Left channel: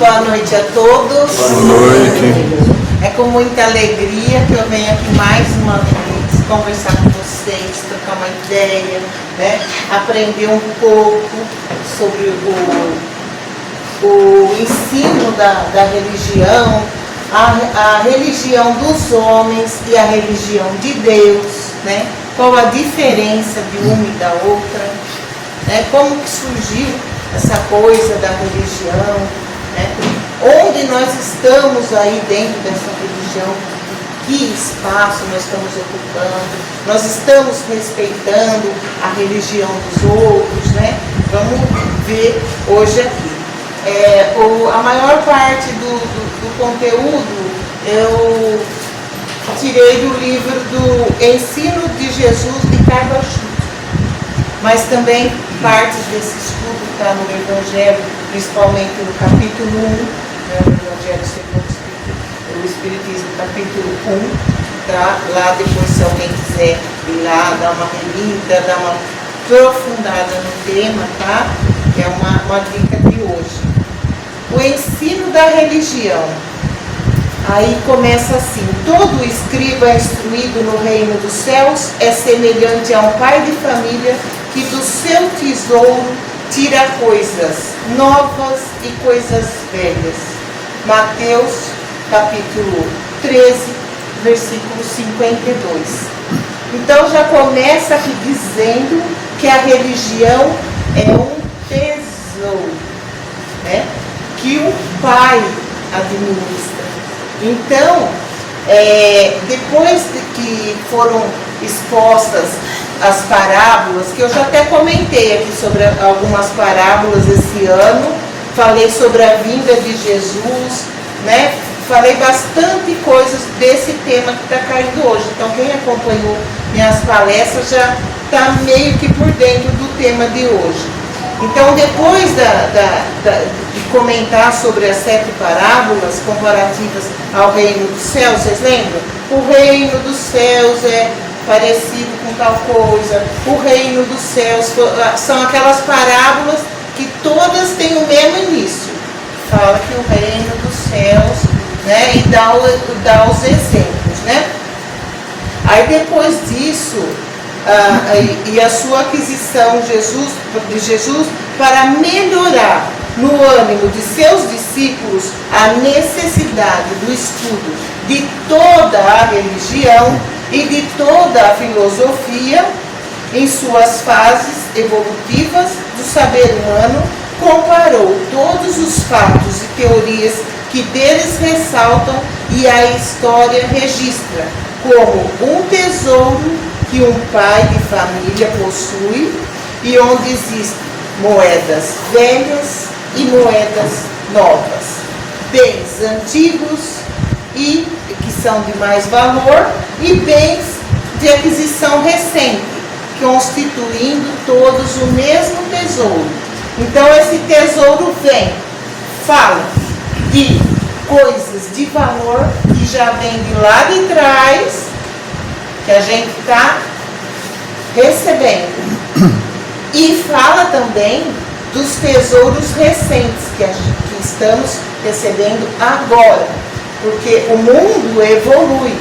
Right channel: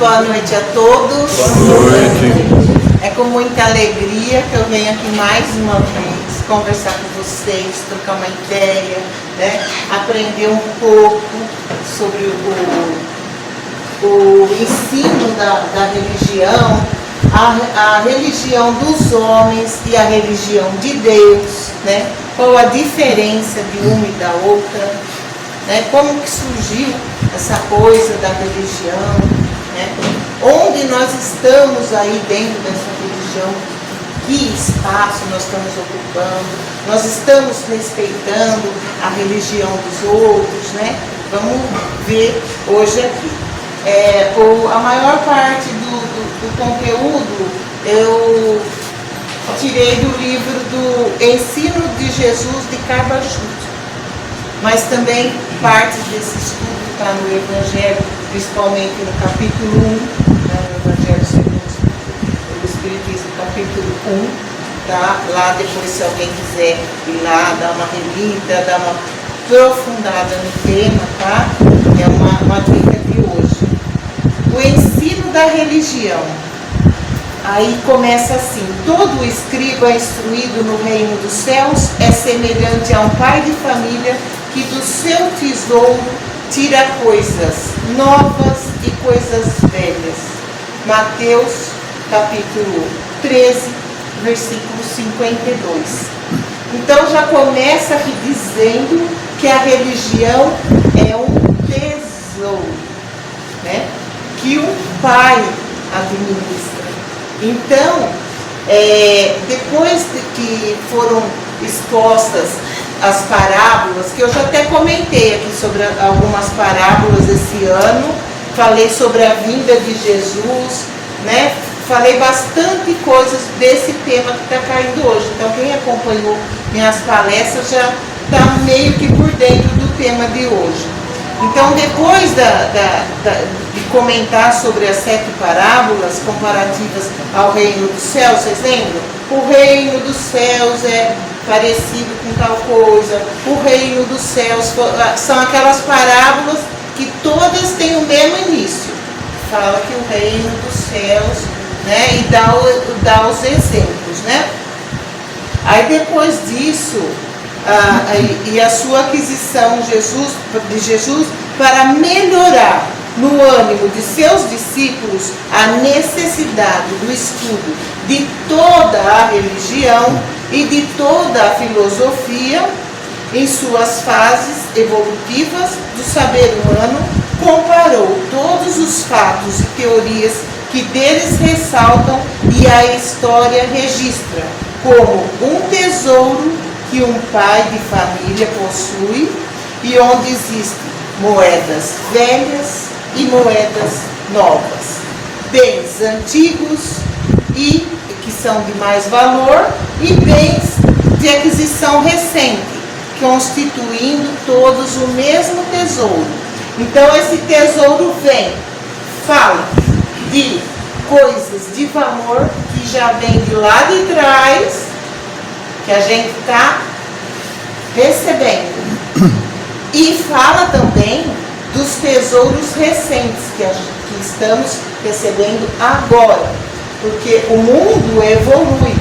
Boa noite a todos. Boa noite. É com muita alegria que eu venho aqui mais uma vez conversar com vocês, trocar uma ideia, né? Aprender um pouco sobre o ensino da religião, a religião dos homens e a religião de Deus, né? Qual a diferença de uma e da outra, né? Como que surgiu essa coisa da religião, né? Onde nós estamos aí dentro dessa religião, que espaço nós estamos ocupando, nós estamos respeitando a religião dos outros, né? Vamos ver hoje aqui. A maior parte do conteúdo eu tirei do livro do Ensino de Jesus de Carvajal, mas também parte desse estudo está no Evangelho, principalmente no capítulo 1, né, no Evangelho segundo o Espiritismo, capítulo 1, tá? Lá depois, se alguém quiser ir lá, dar uma relida, dar uma aprofundada no tema, tá? É uma dica de hoje. O ensino da religião. Aí começa assim: todo escriba instruído no reino dos céus é semelhante a um pai de família que do seu tesouro tira coisas novas e coisas velhas. Mateus capítulo 13, versículo 52. Então já começa aqui dizendo que a religião é um tesouro, né? Que o pai administra. Então, depois de que foram expostas as parábolas, que eu já até comentei aqui sobre algumas parábolas esse ano, falei sobre a vinda de Jesus, né? Falei bastante coisas desse tema que está caindo hoje. Então, quem acompanhou minhas palestras já está meio que por dentro do tema de hoje. Então, depois de comentar sobre as 7 parábolas comparativas ao reino dos céus, vocês lembram? O reino dos céus é parecido com tal coisa, o reino dos céus são aquelas parábolas que todas têm o mesmo início. Fala que o reino dos céus, né? E dá os exemplos, né? Aí depois disso, e a sua aquisição de Jesus para melhorar no ânimo de seus discípulos a necessidade do estudo de toda a religião e de toda a filosofia em suas fases evolutivas do saber humano, comparou todos os fatos e teorias que deles ressaltam e a história registra como um tesouro que um pai de família possui e onde existem moedas velhas e moedas novas, bens antigos e que são de mais valor e bens de aquisição recente, constituindo todos o mesmo tesouro. Então esse tesouro fala de coisas de valor que já vem de lá de trás, que a gente está recebendo. E fala também dos tesouros recentes que estamos recebendo agora, porque o mundo evolui.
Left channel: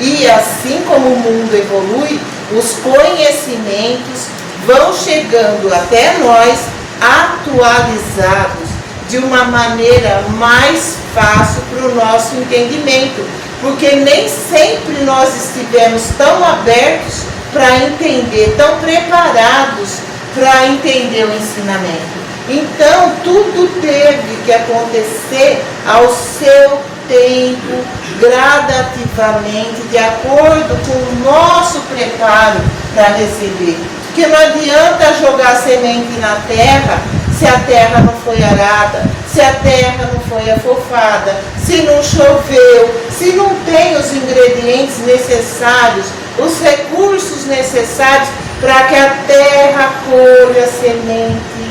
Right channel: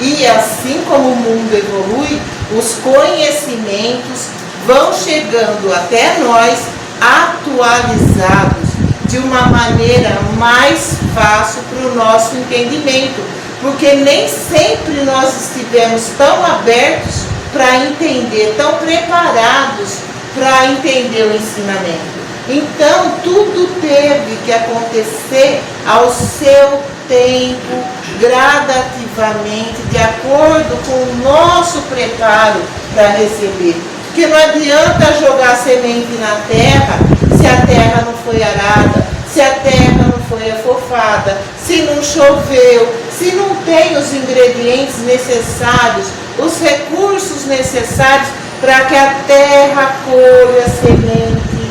E assim como o mundo evolui, os conhecimentos vão chegando até nós atualizados de uma maneira mais fácil para o nosso entendimento, porque nem sempre nós estivemos tão abertos para entender, tão preparados para entender o ensinamento. Então, tudo teve que acontecer ao seu tempo, gradativamente, de acordo com o nosso preparo para receber. Porque não adianta jogar semente na terra se a terra não foi arada, se a terra não foi afofada, se não choveu, se não tem os ingredientes necessários, os recursos necessários para que a terra colha a semente,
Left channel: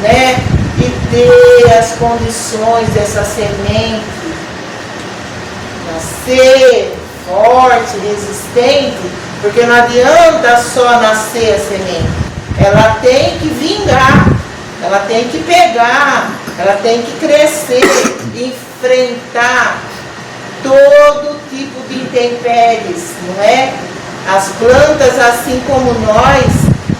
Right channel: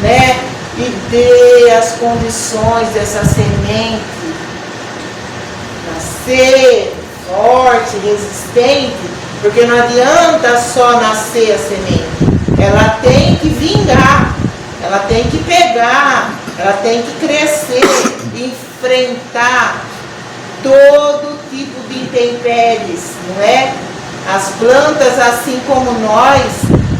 né? E dê as condições dessa semente nascer forte, resistente, porque não adianta só nascer a semente, ela tem que vingar, ela tem que pegar ela tem que crescer, enfrentar todo tipo de intempéries, não é? As plantas, assim como nós,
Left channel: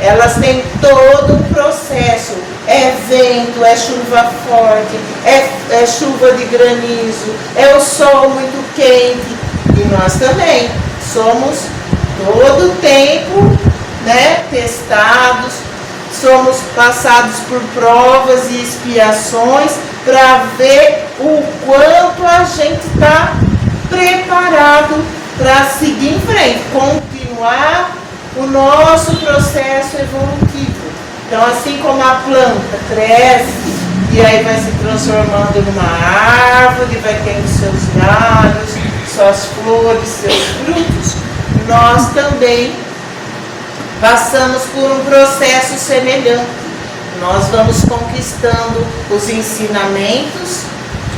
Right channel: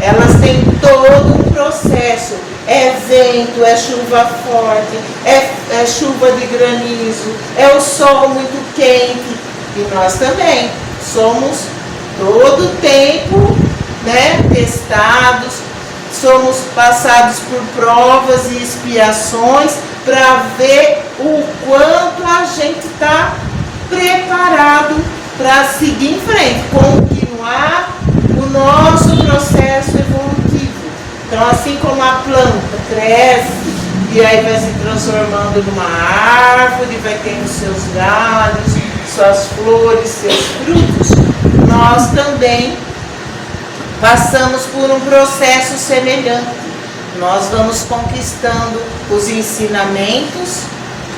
elas têm todo um processo. É vento, é chuva forte, é chuva de granizo, é o sol muito quente. E nós também somos todo o tempo, né, testados, somos passados por provas e expiações para ver o quanto a gente está preparado para seguir em frente, continuar o nosso processo evolutivo. Então, assim como a planta cresce e aí vai se transformando numa árvore, vai tendo seus galhos, suas flores, seus frutos, nós também passamos por um processo semelhante. Nós vamos conquistando os ensinamentos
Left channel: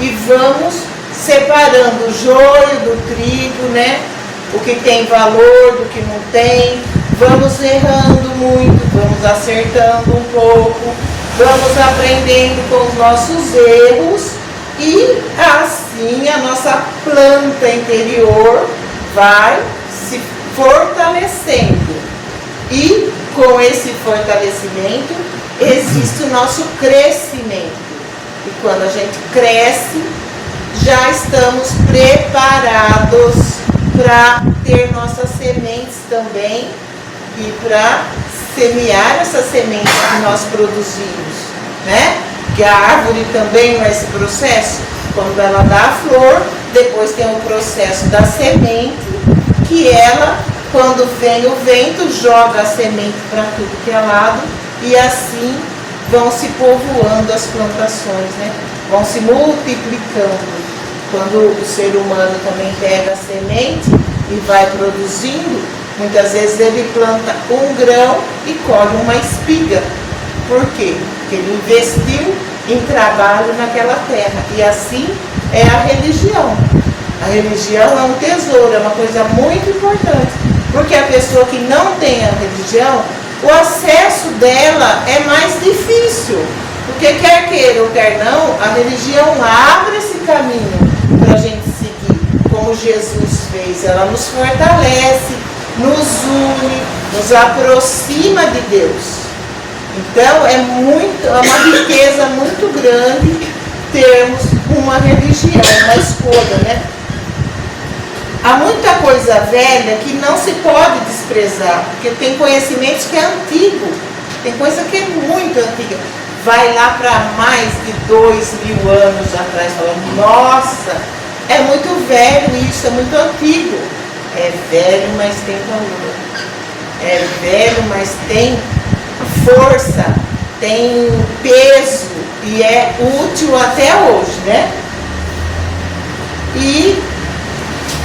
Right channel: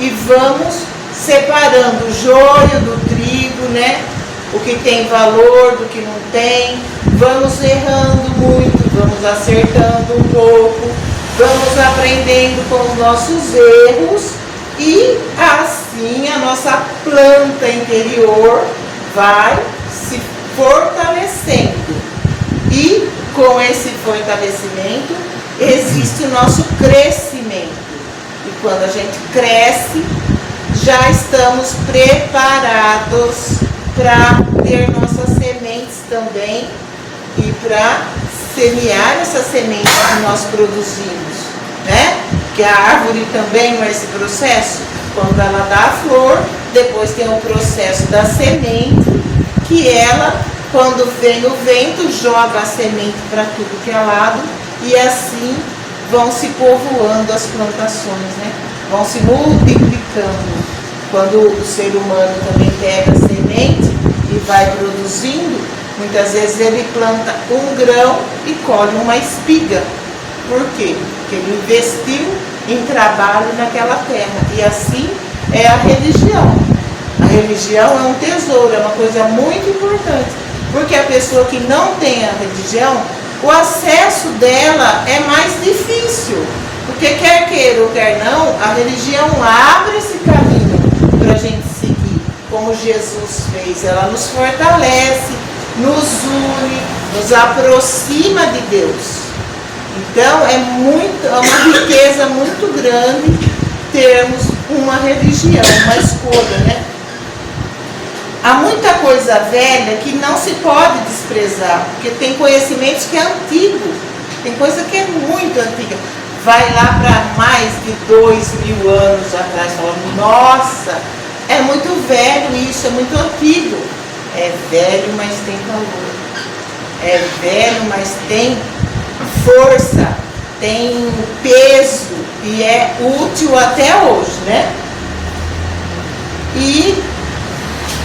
e vamos separando o joio do trigo, né? O que tem valor do que não tem. Vamos errando muito, vamos acertando um pouco, vamos aprendendo com os nossos erros e assim a nossa planta interior vai se fortalecendo. E com esse fortalecimento existe o nosso crescimento. E quando a gente cresce, já estamos preparados para ter nossas sementes também e para semear essas sementes que nós produzimos, né? Porque a árvore também não é esse processo. Quando ela dá a flor, depois tem o processo da semente, que ela, quando vem o vento, joga a semente para tudo que é lado e assim vão se povoando as plantações, né? Vão se multiplicando. Quando o ser humano também pega a semente e vai produzindo, muitas vezes ele planta um grão e colhe uma espiga. Por quê? Porque ele investiu em trabalho naquela terra. E assim é a religião. A religião é um tesouro, é uma coisa muito importante. Porque a pessoa que não tem a religião, o acesso dela é mais difícil. Porque quer queira ou quer não, a religião abre esse caminho para a gente seguir, como Jesus fez. Ela nos fortalece, nos une, nos aproxima de Deus. Então é uma riqueza muito grande termos uma religião, uma escolha, né? Há muita coisa velha que não se pode desprezar, porque tem conhecimentos que é antigo, tem coisa que é muito antiga. Vai lá para mais de 2000 anos atrás, falando, nossa, é muito velho isso, é muito antigo. É velho, mas tem valor. É velho, mas tem força, tem peso e é útil até hoje, né? E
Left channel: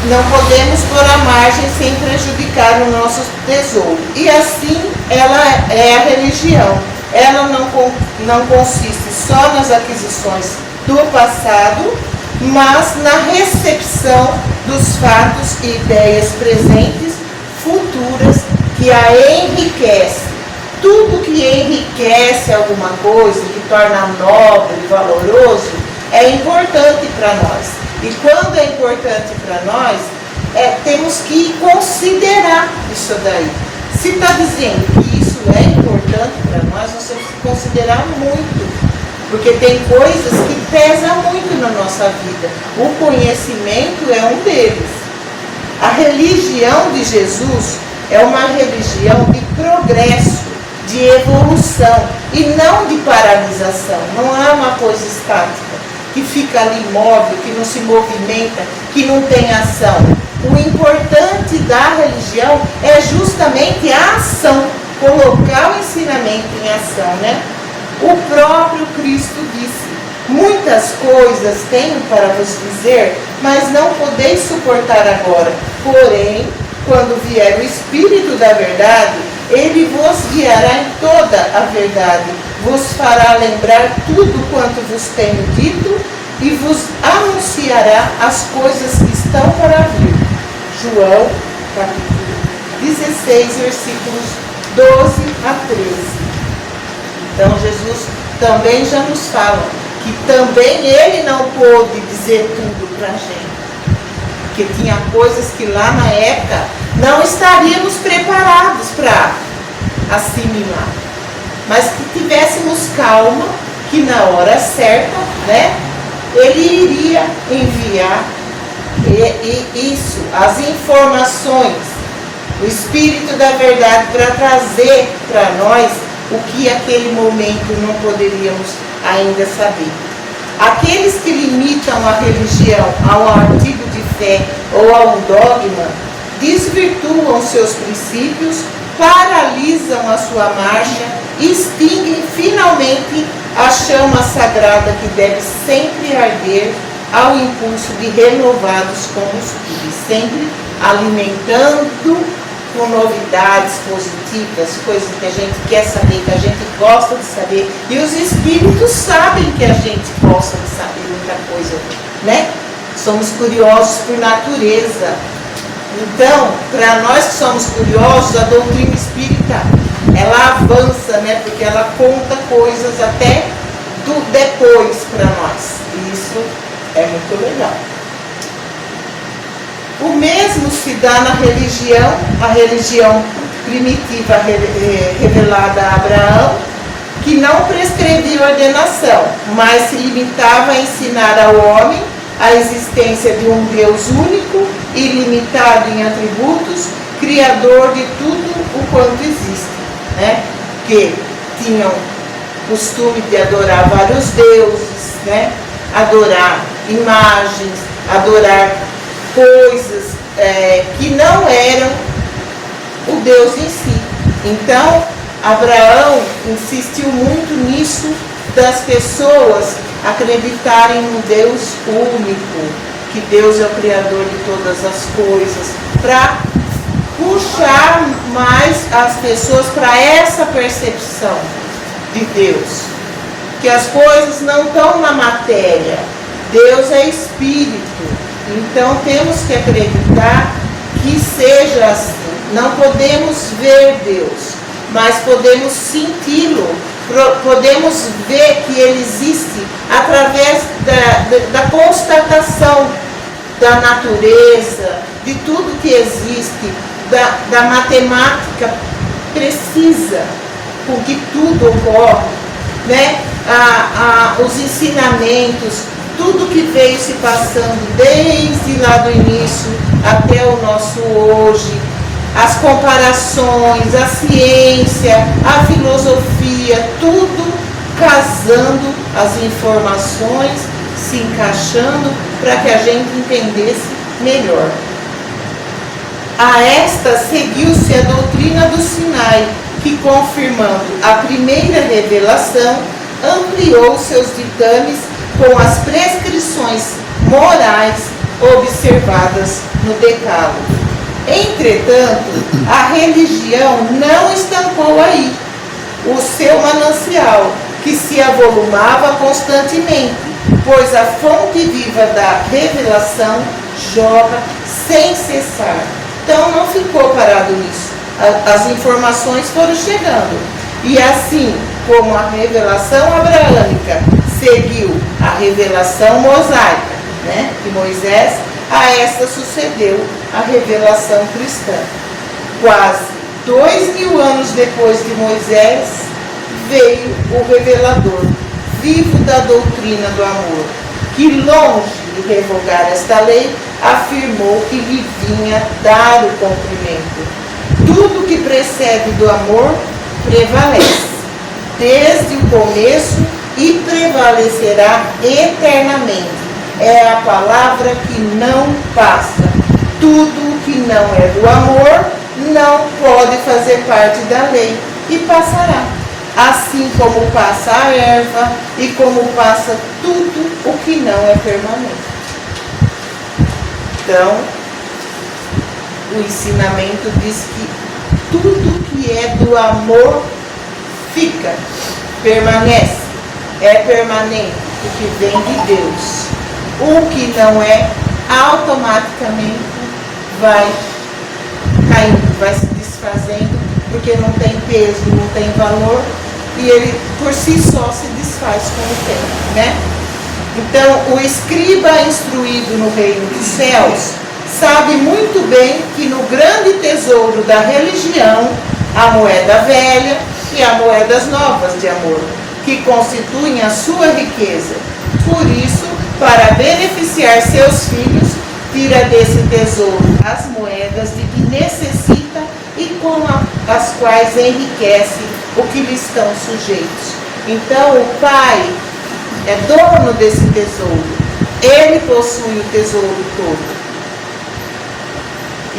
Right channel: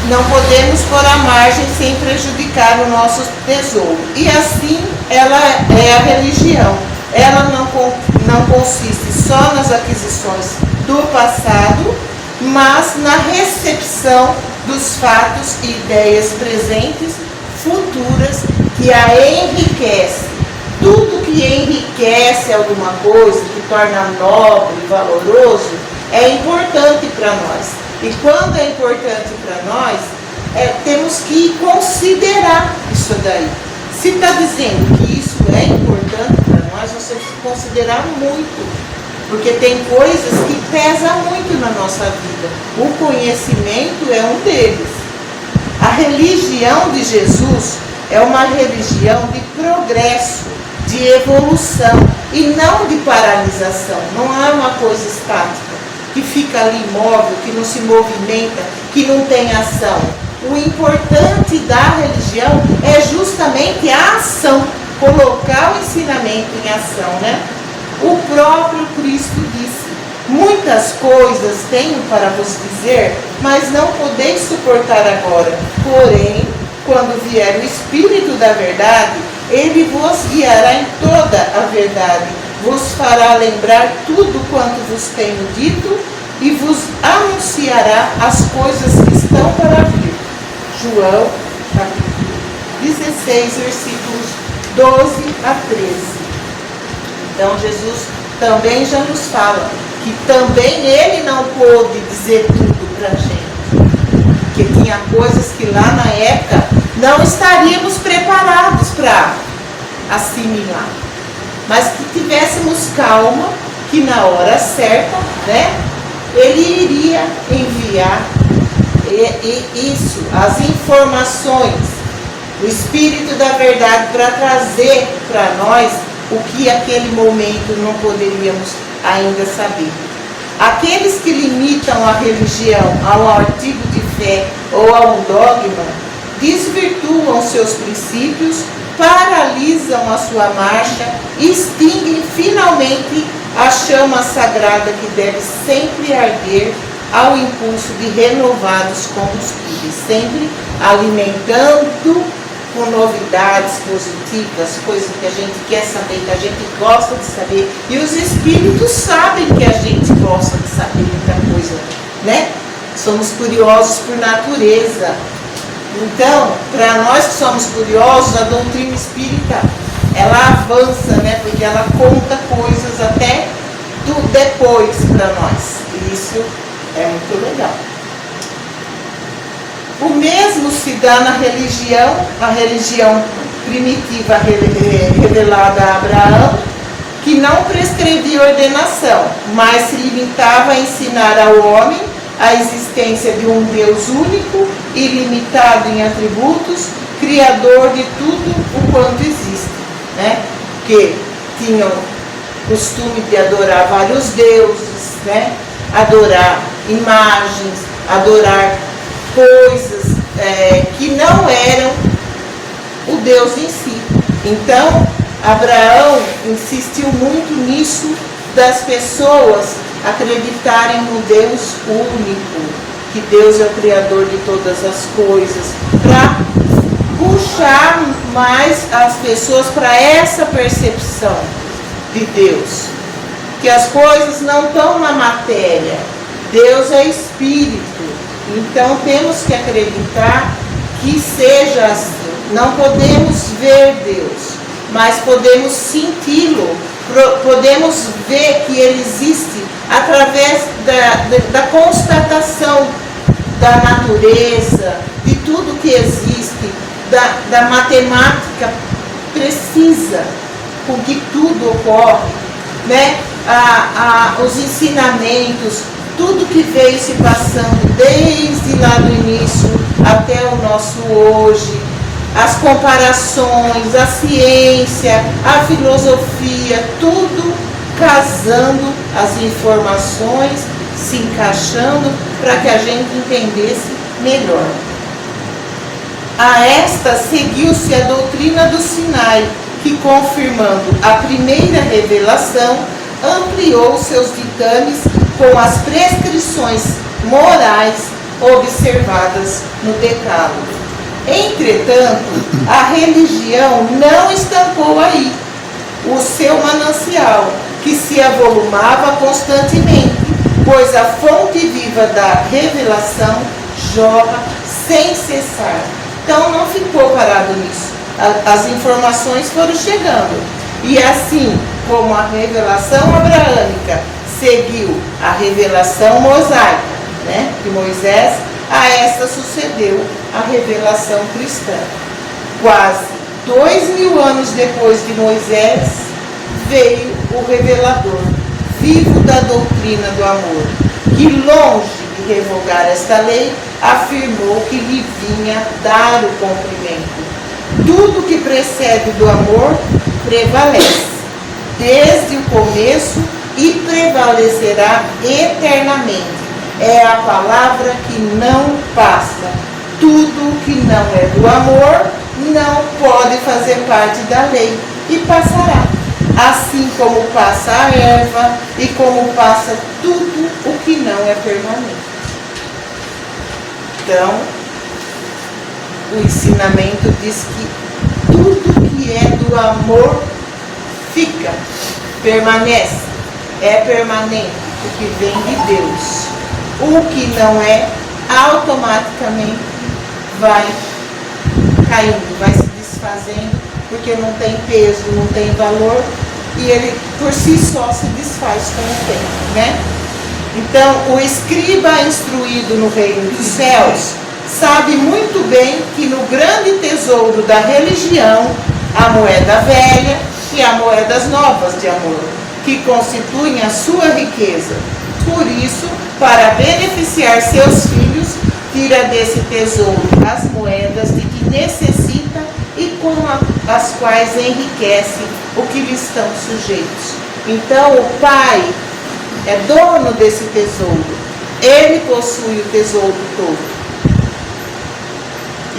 não podemos pôr à margem sem prejudicar o nosso tesouro. E assim ela é a religião. Ela não consiste só nas aquisições do passado, mas na recepção dos fatos e ideias presentes, futuras, que a enriquece. Tudo que enriquece alguma coisa, que torna nobre e valoroso, é importante para nós. E quando é importante para nós, temos que considerar isso daí. Se está dizendo que isso é importante para nós, nós temos que considerar muito. Porque tem coisas que pesam muito na nossa vida. O conhecimento é um deles. A religião de Jesus é uma religião de progresso, de evolução e não de paralisação. Não é uma coisa estática, que fica ali imóvel, que não se movimenta, que não tem ação. O importante da religião é justamente a ação, colocar o ensinamento em ação, né? O próprio Cristo disse, muitas coisas tenho para vos dizer, mas não podeis suportar agora. Porém, quando vier o Espírito da verdade, ele vos guiará em toda a verdade, vos fará lembrar tudo quanto vos tenho dito e vos anunciará as coisas que estão para vir. João, capítulo 16, versículos 12 a 13. Então Jesus também já nos fala que também ele não pôde dizer tudo para a gente, porque tinha coisas que lá na época não estaríamos preparados para assimilar, mas que tivéssemos calma, que na hora certa, né, ele iria enviar isso, as informações, o Espírito da Verdade, para trazer para nós o que aquele momento não poderíamos ainda saber. Aqueles que limitam a religião ao artigo de fé ou a um dogma, desvirtuam seus princípios, paralisam a sua marcha e extinguem finalmente a chama sagrada que deve sempre arder ao impulso de renovados combustíveis, sempre alimentando com novidades positivas, coisas que a gente quer saber, que a gente gosta de saber, e os espíritos sabem que a gente gosta de saber muita coisa, né? Somos curiosos por natureza. Então, para nós que somos curiosos, a doutrina espírita, ela avança, né? Porque ela conta coisas até do depois para nós. E isso é muito legal. O mesmo se dá na religião, a religião primitiva revelada a Abraão, que não prescrevia ordenação, mas se limitava a ensinar ao homem a existência de um Deus único, ilimitado em atributos, criador de tudo o quanto existe, né? Porque tinham costume de adorar vários deuses, né? Adorar imagens, adorar coisas que não eram o Deus em si. Então, Abraão insistiu muito nisso, das pessoas acreditarem no Deus único, que Deus é o Criador de todas as coisas, para puxar mais as pessoas para essa percepção de Deus, que as coisas não estão na matéria, Deus é espírito, então temos que acreditar que seja assim. Não podemos ver Deus, mas podemos senti-lo, podemos ver que ele existe através da constatação da natureza, de tudo que existe, da matemática precisa com que tudo ocorre, né? Os ensinamentos, tudo que veio se passando desde lá do início até o nosso hoje, as comparações, a ciência, a filosofia, tudo casando, as informações se encaixando para que a gente entendesse melhor. A esta seguiu-se a doutrina do Sinai, que, confirmando a primeira revelação, ampliou seus ditames com as prescrições morais observadas no Decálogo. Entretanto, a religião não estancou aí o seu manancial, que se avolumava constantemente, pois a fonte viva da revelação jorra sem cessar. Então não ficou parado nisso. As informações foram chegando. E assim como a revelação abraâmica seguiu a revelação mosaica, né, de Moisés, a esta sucedeu a revelação cristã. Quase 2000 anos depois de Moisés, veio o revelador, vivo da doutrina do amor, que, longe de revogar esta lei, afirmou que lhe vinha dar o cumprimento. Tudo que precede do amor prevalece, desde o começo, e prevalecerá eternamente. É a palavra que não passa. Tudo que não é do amor não pode fazer parte da lei e passará. Assim como passa a erva e como passa tudo o que não é permanente. Então, o ensinamento diz que tudo que é do amor fica, permanece, é permanente, porque vem de Deus. O que não é, automaticamente vai caindo, vai se desfazendo, porque não tem peso, não tem valor, e ele por si só se desfaz com o tempo, né? Então, o escriba instruído no reino dos céus sabe muito bem que no grande tesouro da religião, a moeda velha e as moedas novas de amor, que constituem a sua riqueza. Por isso, para beneficiar seus filhos, tira desse tesouro as moedas de que necessita e com as quais enriquece o que lhe estão sujeitos. Então, o Pai é dono desse tesouro. Ele possui o tesouro todo.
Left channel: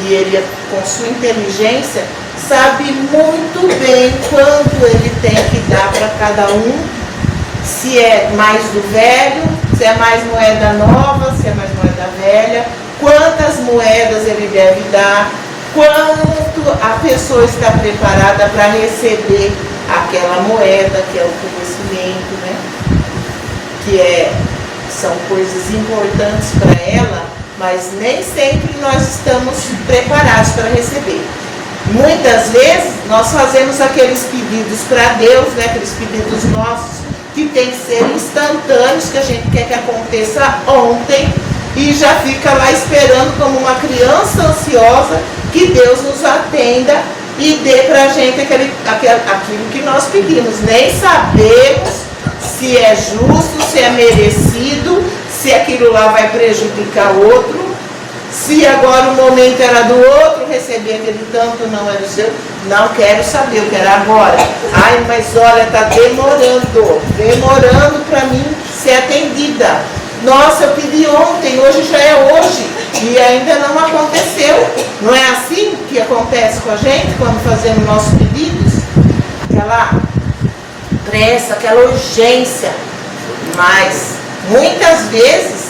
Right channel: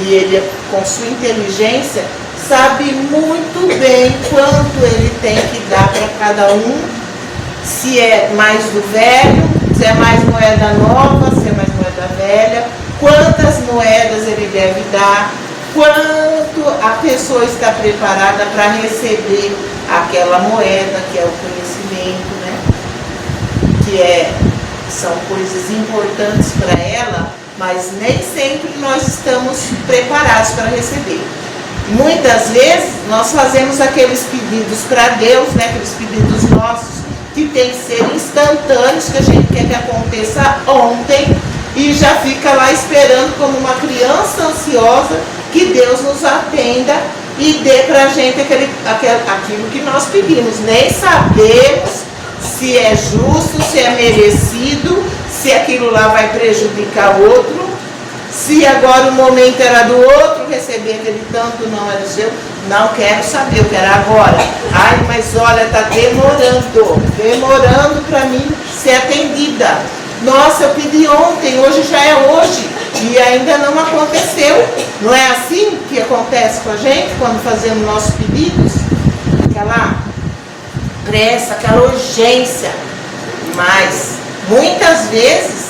E ele, com sua inteligência, sabe muito bem quanto ele tem que dar para cada um, se é mais do velho, se é mais moeda nova, se é mais moeda velha, quantas moedas ele deve dar, quanto a pessoa está preparada para receber aquela moeda, que é o conhecimento, né? São coisas importantes para ela, mas nem sempre nós estamos preparados para receber. Muitas vezes nós fazemos aqueles pedidos para Deus, né, aqueles pedidos nossos, que tem que ser instantâneos, que a gente quer que aconteça ontem, e já fica lá esperando como uma criança ansiosa que Deus nos atenda e dê para a gente aquilo que nós pedimos. Nem sabemos se é justo, se é merecido, se aquilo lá vai prejudicar o outro, se agora o momento era do outro, receber aquele tanto não é do seu. Não quero saber, eu quero agora. Ai, mas olha, está demorando para mim ser atendida. Nossa, eu pedi ontem, hoje já é hoje, e ainda não aconteceu. Não é assim que acontece com a gente quando fazemos nossos pedidos? Aquela pressa, aquela urgência. Mas muitas vezes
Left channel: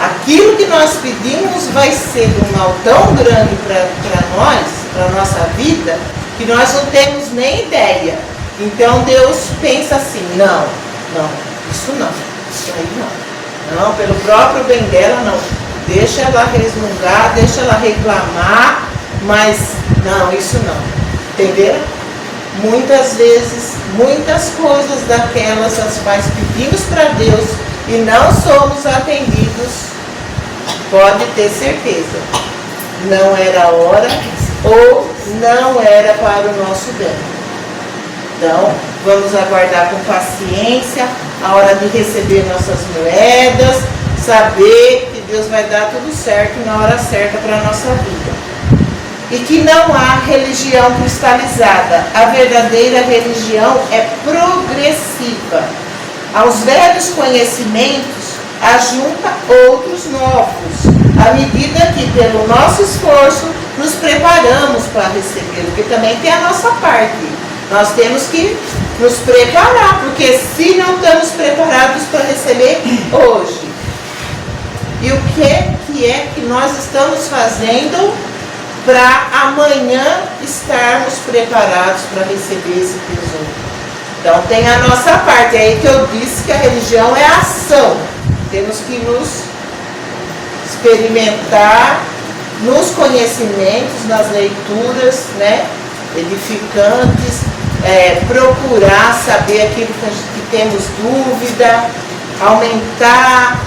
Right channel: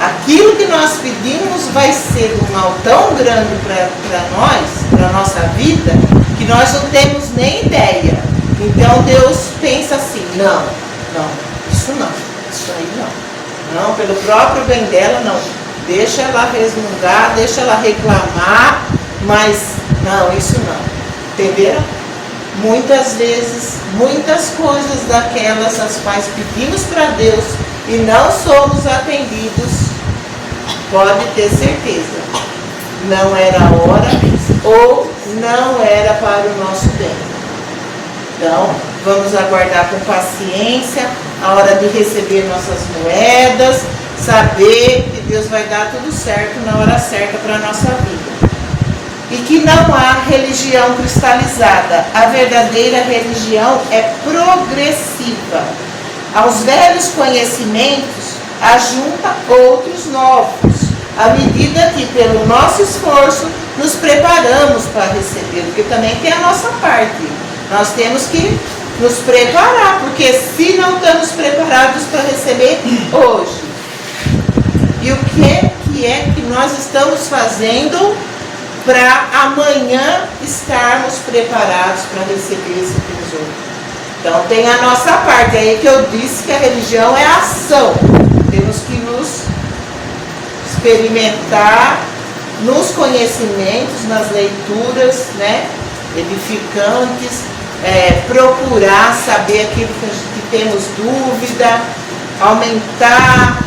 aquilo que nós pedimos vai ser um mal tão grande para nós, para a nossa vida, que nós não temos nem ideia. Então Deus pensa assim, não, isso aí não, pelo próprio bem dela não, deixa ela resmungar, deixa ela reclamar, mas não, isso não, entenderam? Muitas vezes, muitas coisas daquelas as quais pedimos para Deus e não somos atendidos, pode ter certeza, não era a hora ou não era para o nosso bem. Então, vamos aguardar com paciência a hora de receber nossas moedas, saber que Deus vai dar tudo certo na hora certa para a nossa vida. E que não há religião cristalizada. A verdadeira religião é progressiva. Aos velhos conhecimentos, ajunta outros novos, à medida que, pelo nosso esforço, nos preparamos para receber, porque também tem a nossa parte. Nós temos que nos preparar, porque se não estamos preparados para receber hoje, e o que é que nós estamos fazendo para amanhã estarmos preparados para receber esse tesouro? Então tem a nossa parte, é aí que eu disse que a religião é a ação. Temos que nos experimentar nos conhecimentos, nas leituras, né, edificantes, procurar saber aquilo que temos dúvida, aumentar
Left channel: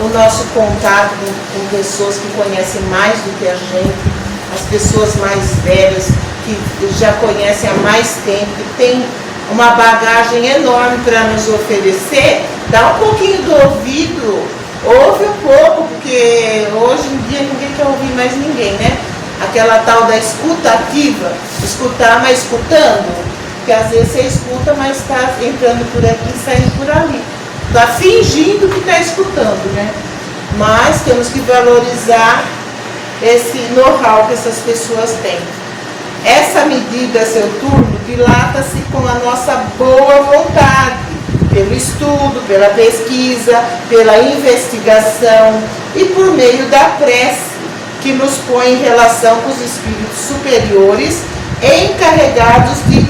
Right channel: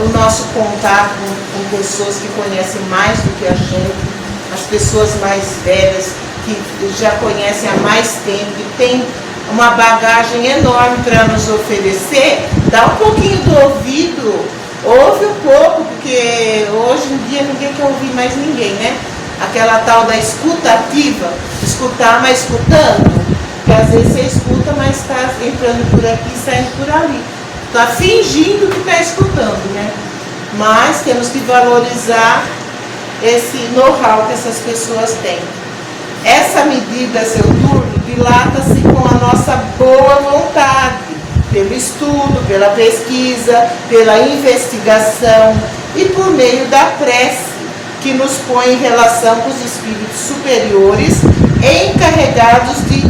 o nosso contato com pessoas que conhecem mais do que a gente, as pessoas mais velhas que já conhecem há mais tempo, que tem uma bagagem enorme para nos oferecer. Dá um pouquinho do ouvido, ouve um pouco, porque hoje em dia ninguém quer ouvir mais ninguém, né? Aquela tal da escuta ativa, escutar, mas escutando, porque às vezes você escuta, mas está entrando por aqui e saindo por ali. Está fingindo que está escutando, né? Mas temos que valorizar esse know-how que essas pessoas têm. Essa medida, seu turno, dilata-se com a nossa boa vontade, pelo estudo, pela pesquisa, pela investigação e por meio da prece, que nos põe em relação com os espíritos superiores encarregados de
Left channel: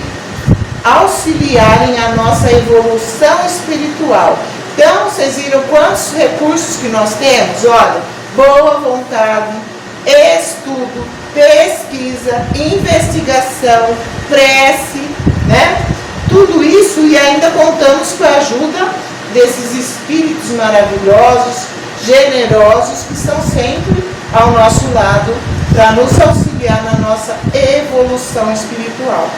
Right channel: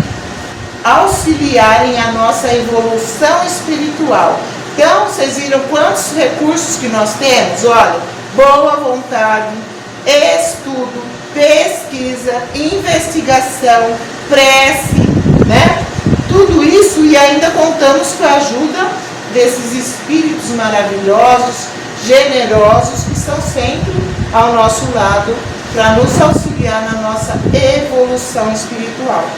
auxiliarem a nossa evolução espiritual. Então, vocês viram quantos recursos que nós temos? Olha, boa vontade, estudo, pesquisa, investigação, prece, né? Tudo isso, e ainda contamos com a ajuda desses espíritos maravilhosos, generosos, que estão sempre ao nosso lado para nos auxiliar na nossa evolução espiritual.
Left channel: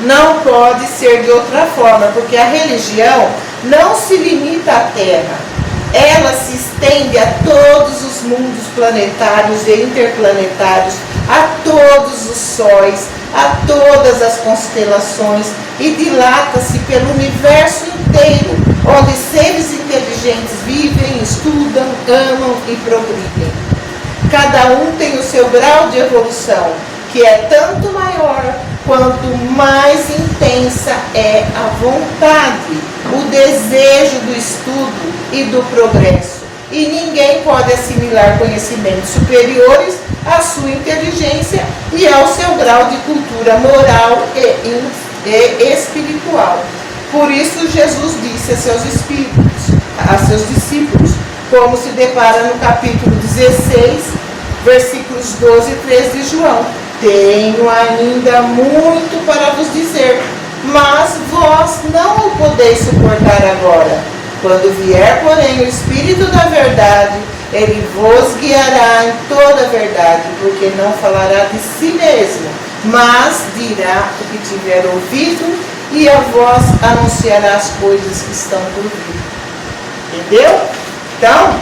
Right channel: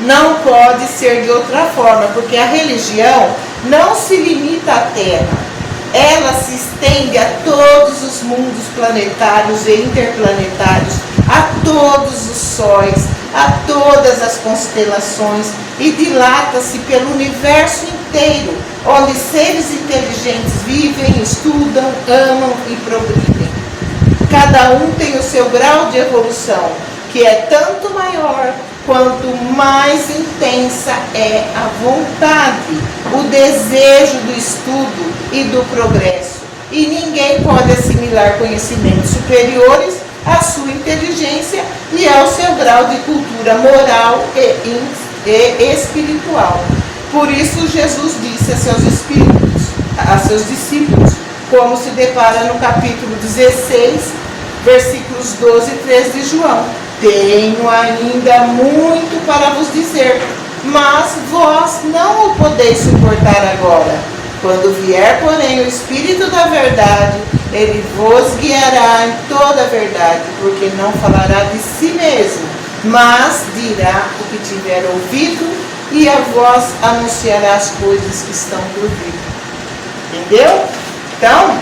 Não pode ser de outra forma, porque a religião não se limita à Terra. Ela se estende a todos os mundos planetários e interplanetários, a todos os sóis, a todas as constelações, e dilata-se pelo universo inteiro, onde seres inteligentes vivem, estudam, amam e progridem. Cada um tem o seu grau de evolução, que é tanto maior quanto mais intensa é a vontade, o desejo do estudo e do progresso. E ninguém pode assimilar conhecimentos superiores à sua inteligência e ao seu grau de cultura moral e espiritual. Por isso Jesus disse a seus discípulos, como se depara no capítulo 16, versículos 12 e 13 de João: tenho ainda muito para vos dizer, mas vós não o podeis suportar agora. Quando vier, porém, o Espírito da verdade, ele vos guiará em toda a verdade, porque não falará de si mesmo, mas dirá o que tiver ouvido, e a vós anunciará as coisas que estão por vir. Entendeu? Então,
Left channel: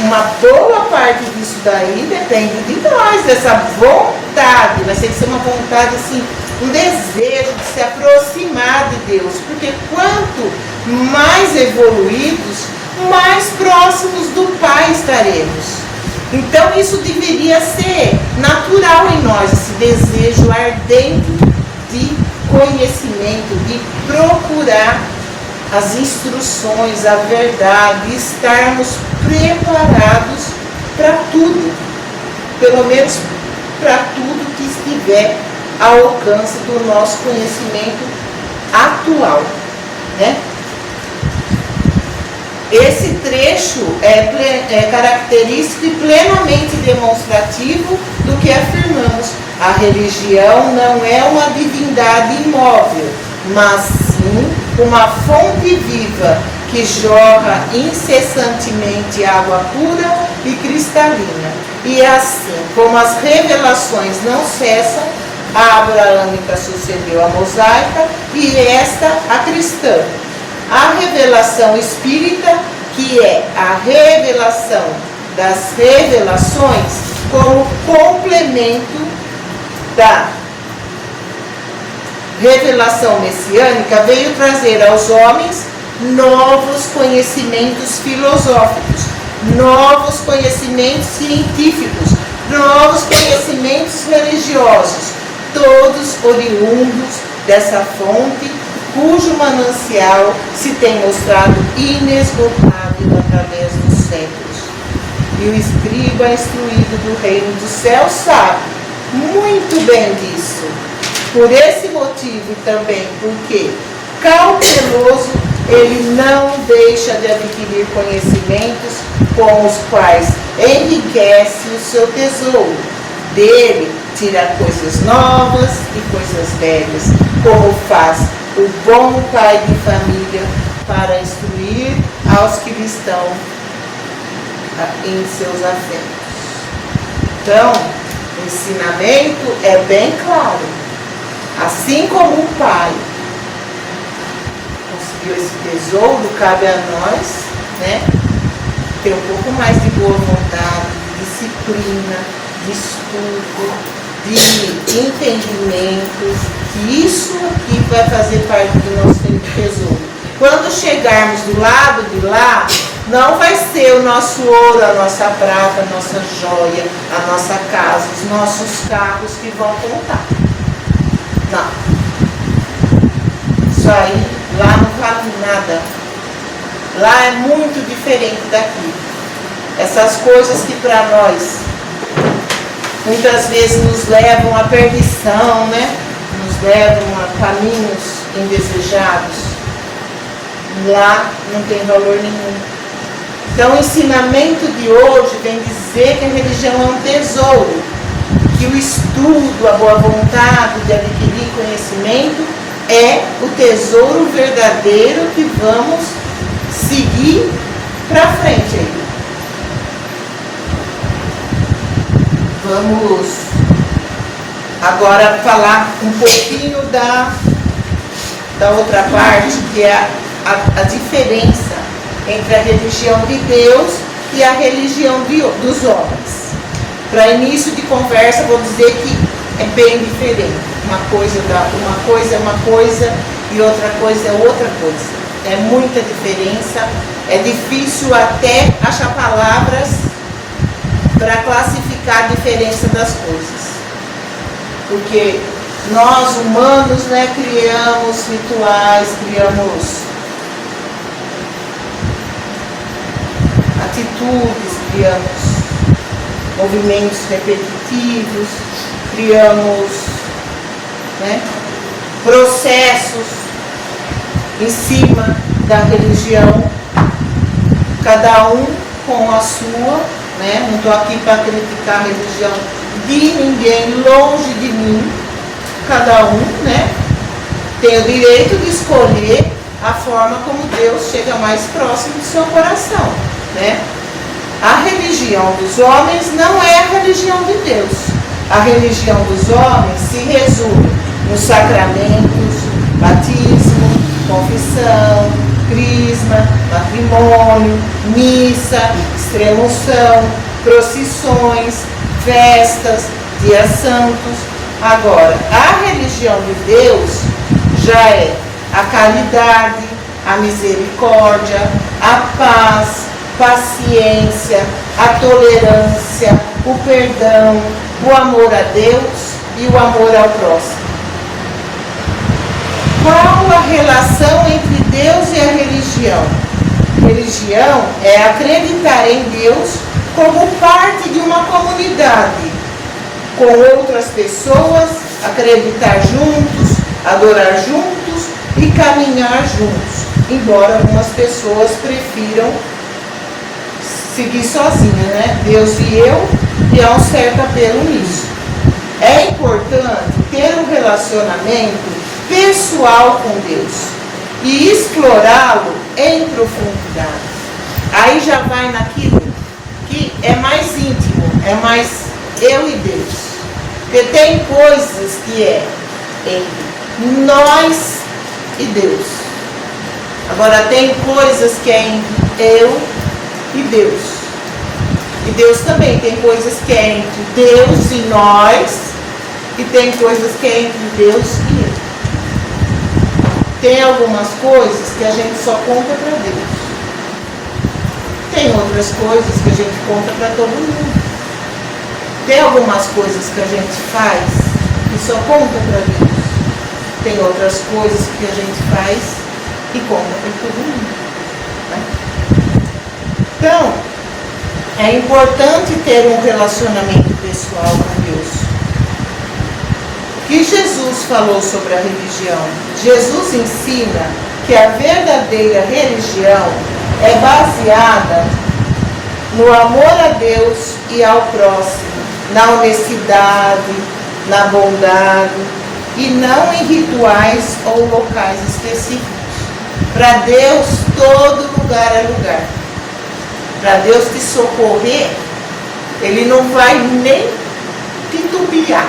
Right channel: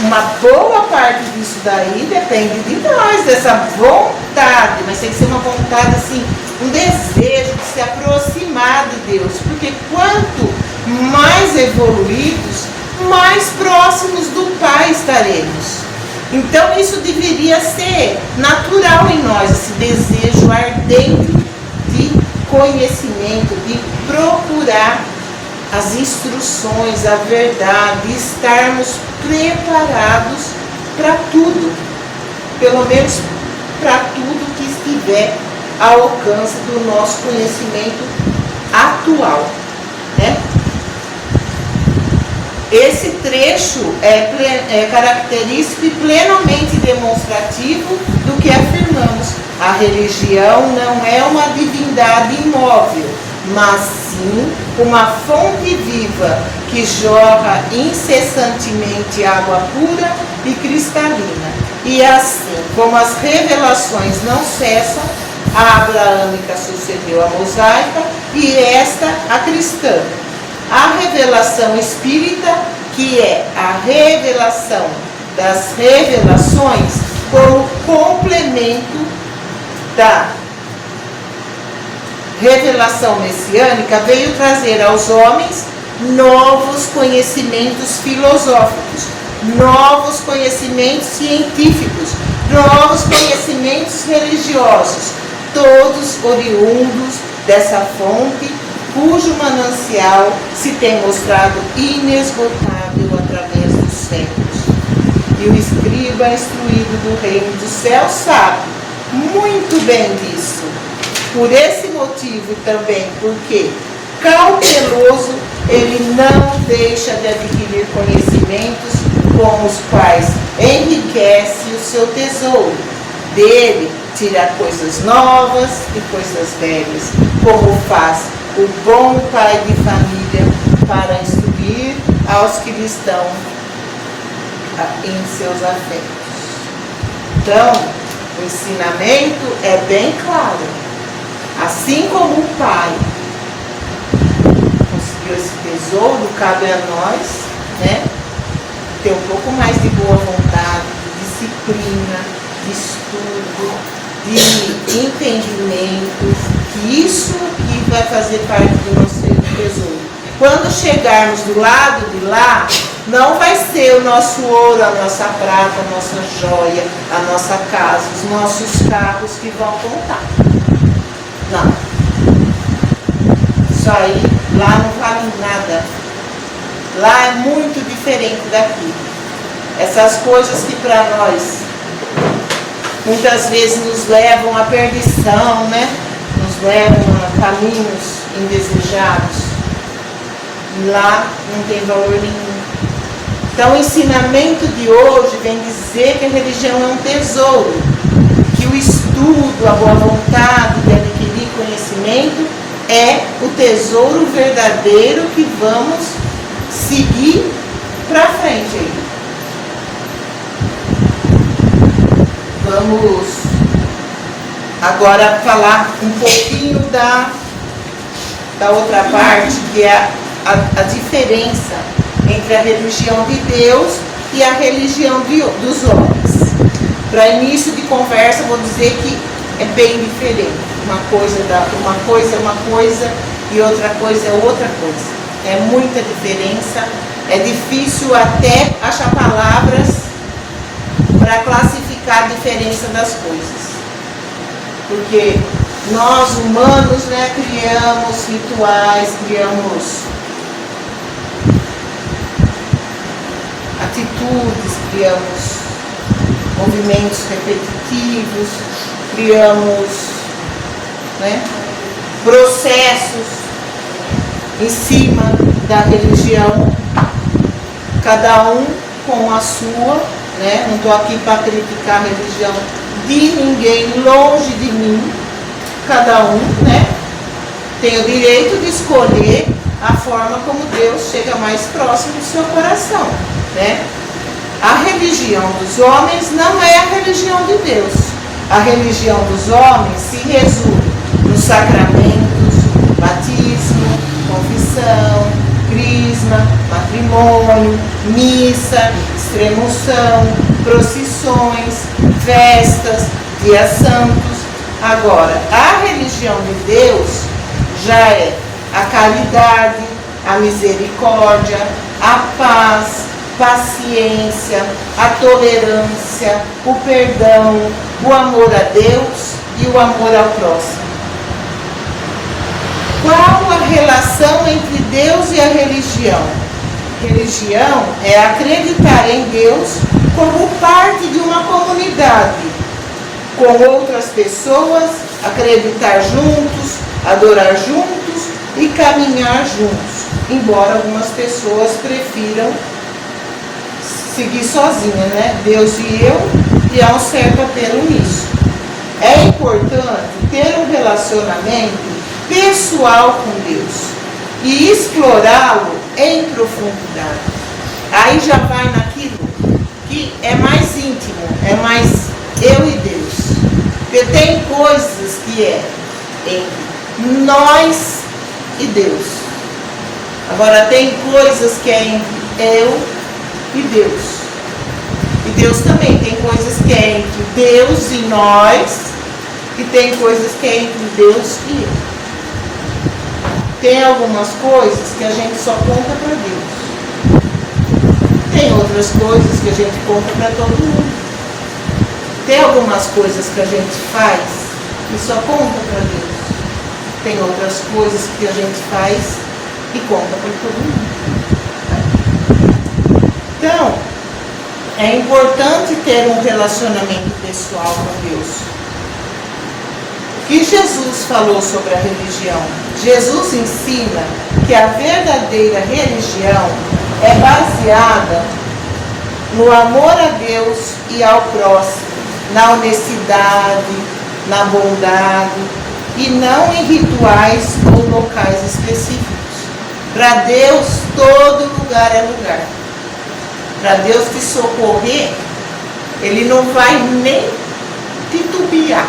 uma boa parte disso daí depende de nós, dessa vontade, mas tem que ser uma vontade assim, um desejo de se aproximar de Deus, porque quanto mais evoluídos, mais próximos do Pai estaremos. Então isso deveria ser natural em nós, esse desejo ardente de conhecimento, de procurar as instruções, a verdade, estarmos preparados para tudo, pelo menos para tudo que estiver ao alcance do nosso conhecimento atual, né? Esse trecho é característico e plenamente demonstrativo do que afirmamos. A religião não é uma divindade imóvel, mas sim uma fonte viva que jorra incessantemente água pura e cristalina. E assim como as revelações não cessam, a abraâmica sucedeu a mosaica e esta a cristã. A revelação espírita, que é a revelação das revelações, como complemento da revelação messiânica, veio trazer aos homens novos conhecimentos filosóficos, novos conhecimentos científicos, novos conhecimentos religiosos, todos oriundos dessa fonte, cujo manancial se tem mostrado inesgotável através dos séculos. E o escriba instruído do reino dos céus sabe muito bem disso. Por esse motivo e também porque, cauteloso, ele não deixa de adquirir conhecimentos com os quais enriquece o seu tesouro. Dele tira coisas novas e coisas velhas, como faz o bom pai de família para instruir aos que lhe estão em seus afetos. Então, o ensinamento é bem claro. Assim como o pai conseguiu esse tesouro, cabe a nós, né, ter um pouco mais de boa vontade, de disciplina, de estudo, de entendimento, que isso aqui vai fazer parte do nosso tesouro. Quando chegarmos do lado de lá, não vai ser o nosso ouro, a nossa prata, a nossa joia, a nossa casa, os nossos carros que vão contar. Não. Isso aí, lá não vale nada. Lá é muito diferente daqui. Essas coisas que para nós muitas vezes nos levam à perdição, né? Nos levam a caminhos indesejados. Lá não tem valor nenhum. Então o ensinamento de hoje vem dizer que a religião é um tesouro, que o estudo, a boa vontade de adquirir conhecimento é o tesouro verdadeiro que vamos seguir para frente aí. Vamos agora falar um pouquinho da outra parte, que é a diferença entre a religião de Deus e a religião dos homens. Para início de conversa, vou dizer que é bem diferente. Uma coisa é uma coisa e outra coisa é outra coisa. É muita diferença. É difícil até achar palavras para classificar a diferença das coisas. Porque nós, humanos, né, criamos rituais, criamos atitudes, criamos movimentos repetitivos, criamos, né, processos em cima da religião, cada um com a sua, né? Não estou aqui para criticar a religião de ninguém, longe de mim. Cada um, né, tem o direito de escolher a forma como Deus chega mais próximo do seu coração, né? A religião dos homens não é a religião de Deus. A religião dos homens se resume nos sacramentos, batismo, confissão, crisma, matrimônio, missa, extrema-unção, procissões, festas, dias santos. Agora, a religião de Deus já é a caridade, a misericórdia, a paz, paciência, a tolerância, o perdão, o amor a Deus e o amor ao próximo. Qual a relação entre Deus e a religião? Religião é acreditar em Deus como parte de uma comunidade, com outras pessoas, acreditar juntos, adorar juntos e caminhar juntos, embora algumas pessoas prefiram seguir sozinha, né? Deus e eu, e há um certo apelo nisso. É importante ter um relacionamento pessoal com Deus e explorá-lo em profundidade. Aí já vai naquilo que é mais íntimo, é mais eu e Deus. Porque tem coisas que é entre nós e Deus. Agora tem coisas que é entre eu e Deus. E Deus também tem coisas que é entre Deus e nós, e tem coisas que é entre Deus e eu. Tem algumas coisas que a gente só conta para Deus. Tem outras coisas que a gente conta para todo mundo. Tem algumas coisas que a gente faz e só conta para Deus. Tem outras coisas que a gente faz e conta para todo mundo. Né? Então, é importante ter um relacionamento pessoal com Deus. O que Jesus falou sobre a religião? Jesus ensina que a verdadeira religião é baseada no amor a Deus e ao próximo, na honestidade, na bondade e não em rituais ou locais específicos. Para Deus, todo lugar é lugar. Para Deus te socorrer, Ele não vai nem titubear.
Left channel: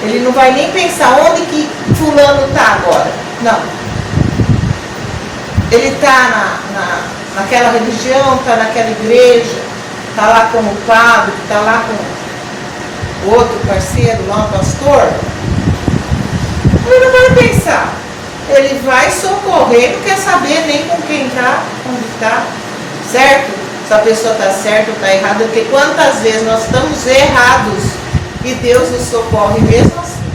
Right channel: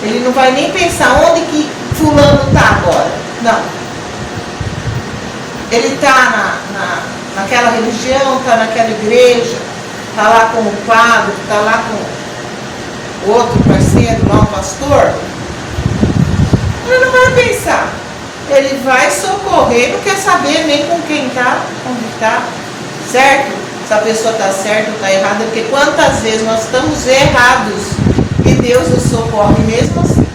Ele não vai nem pensar onde que fulano está agora. Não. Ele está naquela religião, está naquela igreja, está lá com o padre, está lá com o outro parceiro, lá um pastor. Ele não vai pensar. Ele vai socorrer, não quer saber nem com quem está, onde está, certo? Se a pessoa está certa ou está errada, porque quantas vezes nós estamos errados e Deus nos socorre mesmo assim.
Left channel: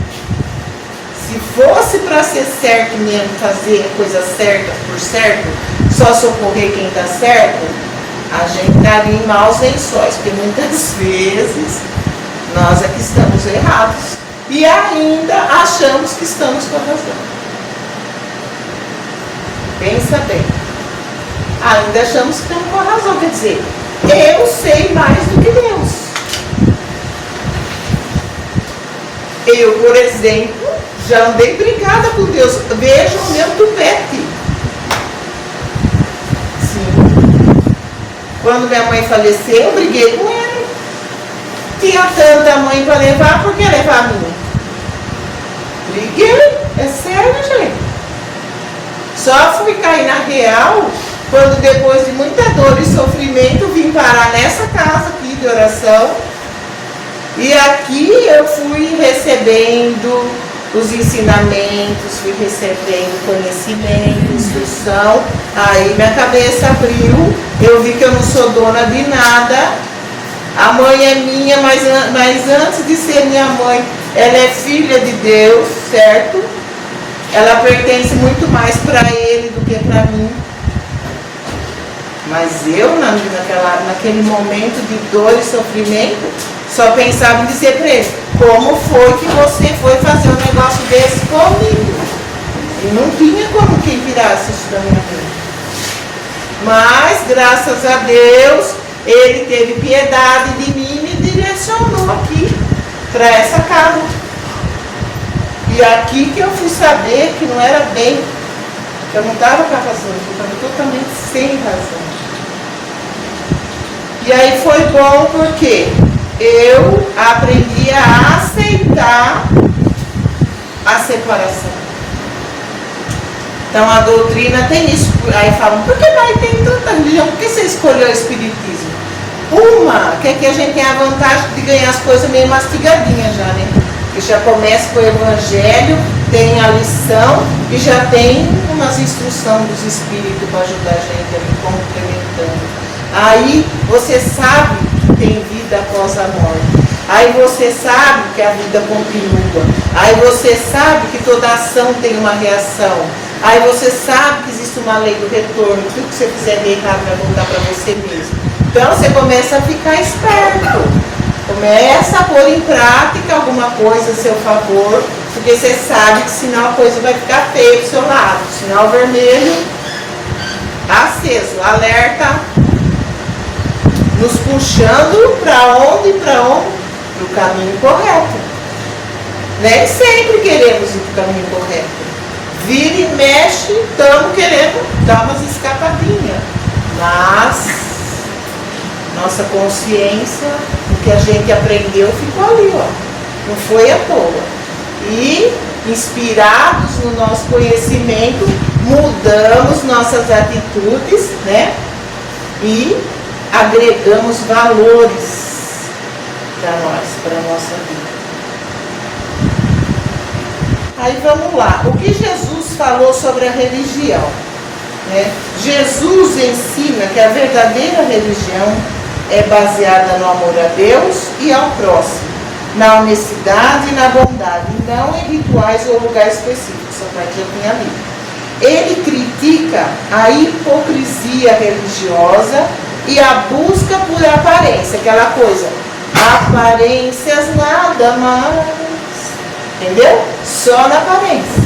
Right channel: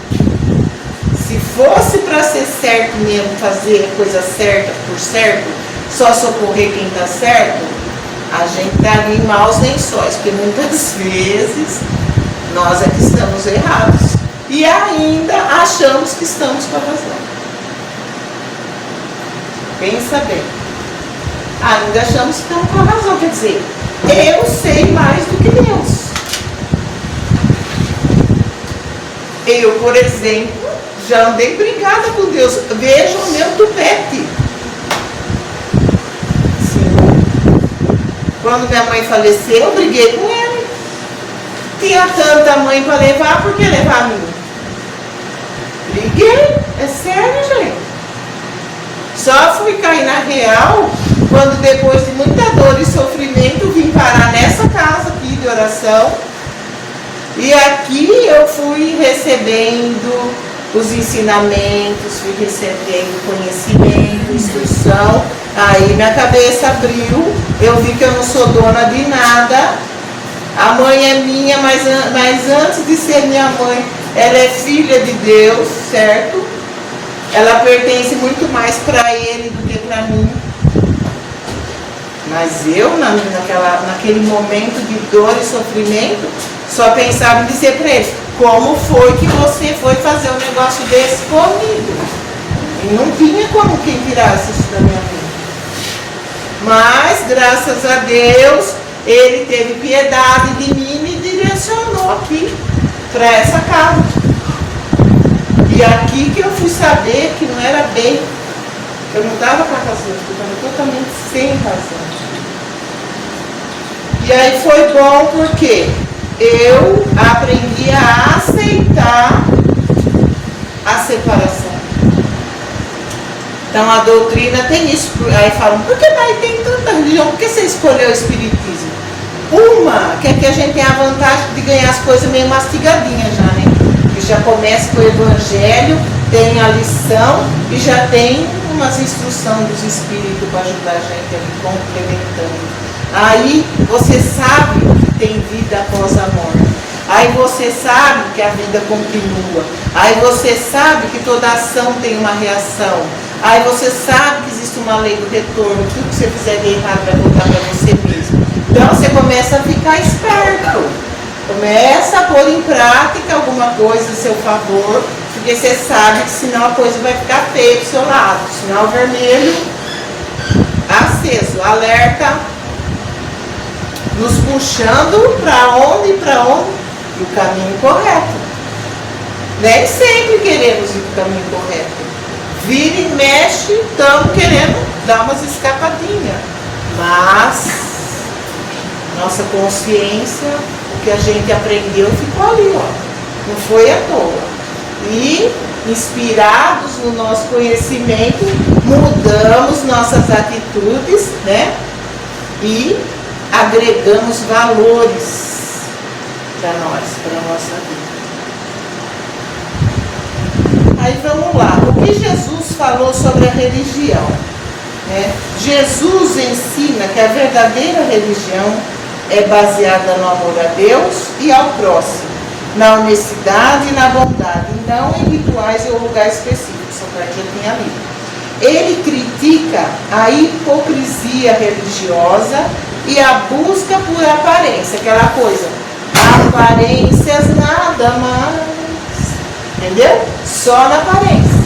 Se fosse para ser certo mesmo, fazer a coisa certa por certo, só socorrer quem está certo, a gente estaria em maus lençóis, porque muitas vezes nós é que estamos errados e ainda achamos que estamos com a razão. Pensa bem. Ainda achamos que estamos com a razão, quer dizer, eu sei mais do que Deus. Eu, por exemplo, já andei brigada com Deus. Veja o meu tupete. Sim, Quando minha mãe faleceu, eu briguei com ele. Tinha tanta mãe para levar, por que levar a mim? Briguei, é sério, gente. Só fui cair na real quando, depois de muita dor e sofrimento, vim parar nessa casa aqui de oração. E aqui eu fui recebendo os ensinamentos, fui recebendo conhecimento, instrução. Aí minha cabeça abriu, eu vi que eu não sou dona de nada. A mãe é minha, mas antes de ser minha mãe, ela é filha de Deus, certo? Ela pertence muito mais para ele do que para mim. Mas eu, naquele momento de dor e sofrimento, só pensava em dizer para ele: como foi que você foi fazer um negócio desse comigo? E não tinha como quem tirasse isso da minha vida. Mas, graças a Deus, ele teve piedade de mim e me direcionou aqui, para essa casa. E aqui que eu fui saber que não era bem, que eu não estava com a razão, eu estava totalmente sem razão. E aí foi bom porque eu aprendi a aceitar a separação. Então a doutrina tem isso. Aí falam: por que tem tanta religião? Por que você escolheu o espiritismo? Uma, que aqui a gente tem a vantagem de ganhar as coisas meio mastigadinhas já, né? Que já começa com o evangelho, tem a lição e já tem umas instruções dos espíritos para ajudar a gente ali, complementando. Aí você sabe que tem vida após a morte. Aí você sabe que a vida continua. Aí você sabe que toda ação tem uma reação. Aí você sabe que existe uma lei do retorno. Tudo que você fizer de errado vai voltar para você mesmo. Então você começa a ficar esperto. Começa a pôr em prática alguma coisa a seu favor. Porque você sabe que senão a coisa vai ficar feia pro seu lado. Sinal vermelho aceso, alerta, nos puxando para onde? Para o caminho correto. Nem sempre queremos ir para o caminho correto. Vira e mexe, estamos querendo dar umas escapadinhas. Mas nossa consciência, o que a gente aprendeu ficou ali, ó. Não foi à toa. E inspirados no nosso conhecimento, mudamos nossas atitudes, né? E agregamos valores para nós, para a nossa vida. Aí vamos lá, o que Jesus falou sobre a religião? Né? Jesus ensina que a verdadeira religião é baseada no amor a Deus e ao próximo, na honestidade e na bondade, não em rituais ou lugares específicos. Essa parte já tinha lido. Ele critica a hipocrisia religiosa e a busca por aparência, aquela coisa, aparências nada mais, entendeu? Só na aparência,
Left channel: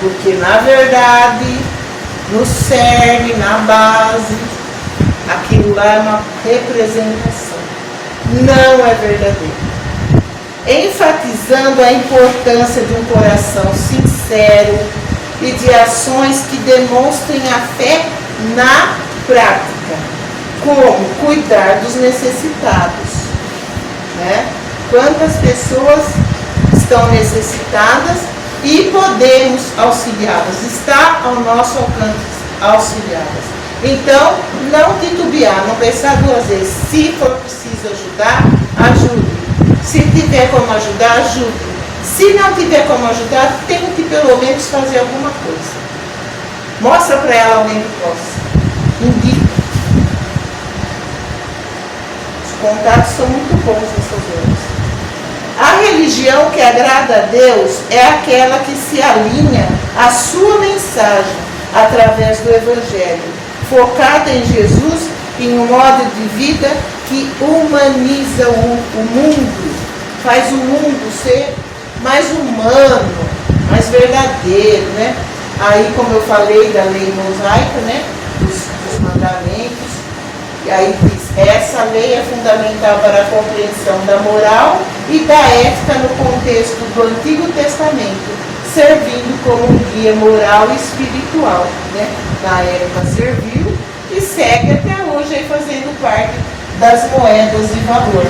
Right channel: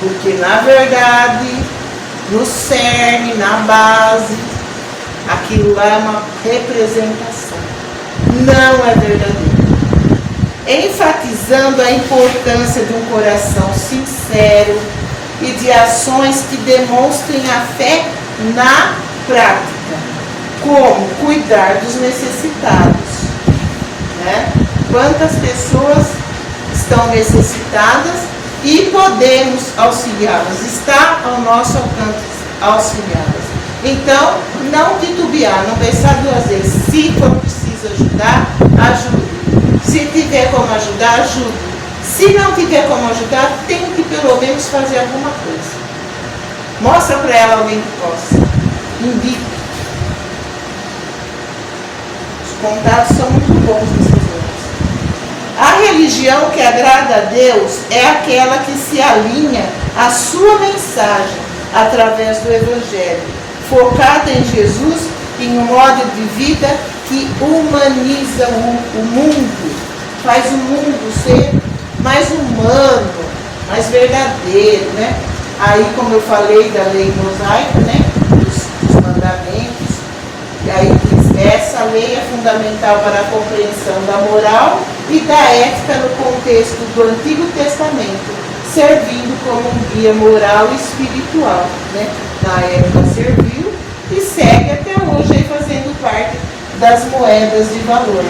porque na verdade, no cerne, na base, aquilo lá é uma representação, não é verdadeiro. Enfatizando a importância de um coração sincero e de ações que demonstrem a fé na prática, como cuidar dos necessitados, né? Quantas pessoas estão necessitadas e podemos auxiliá-las, está ao nosso alcance auxiliá-las. Então, não titubear, não pensar duas vezes. Se for preciso ajudar, ajude. Se tiver como ajudar, ajude. Se não tiver como ajudar, tente pelo menos fazer alguma coisa. Mostra para ela alguém que possa. Indica. Os contatos são muito bons nessas horas. A religião que agrada a Deus é aquela que se alinha à sua mensagem através do Evangelho, focada em Jesus, em um modo de vida que humaniza o mundo, faz o mundo ser mais humano, mais verdadeiro, né? Aí, como eu falei da lei mosaica, né? Dos mandamentos, e aí diz, essa lei é fundamental para a compreensão da moral e da ética no contexto do Antigo Testamento, servindo como um guia moral e espiritual, né? Na época serviu e segue até hoje aí fazendo parte das moedas de valor.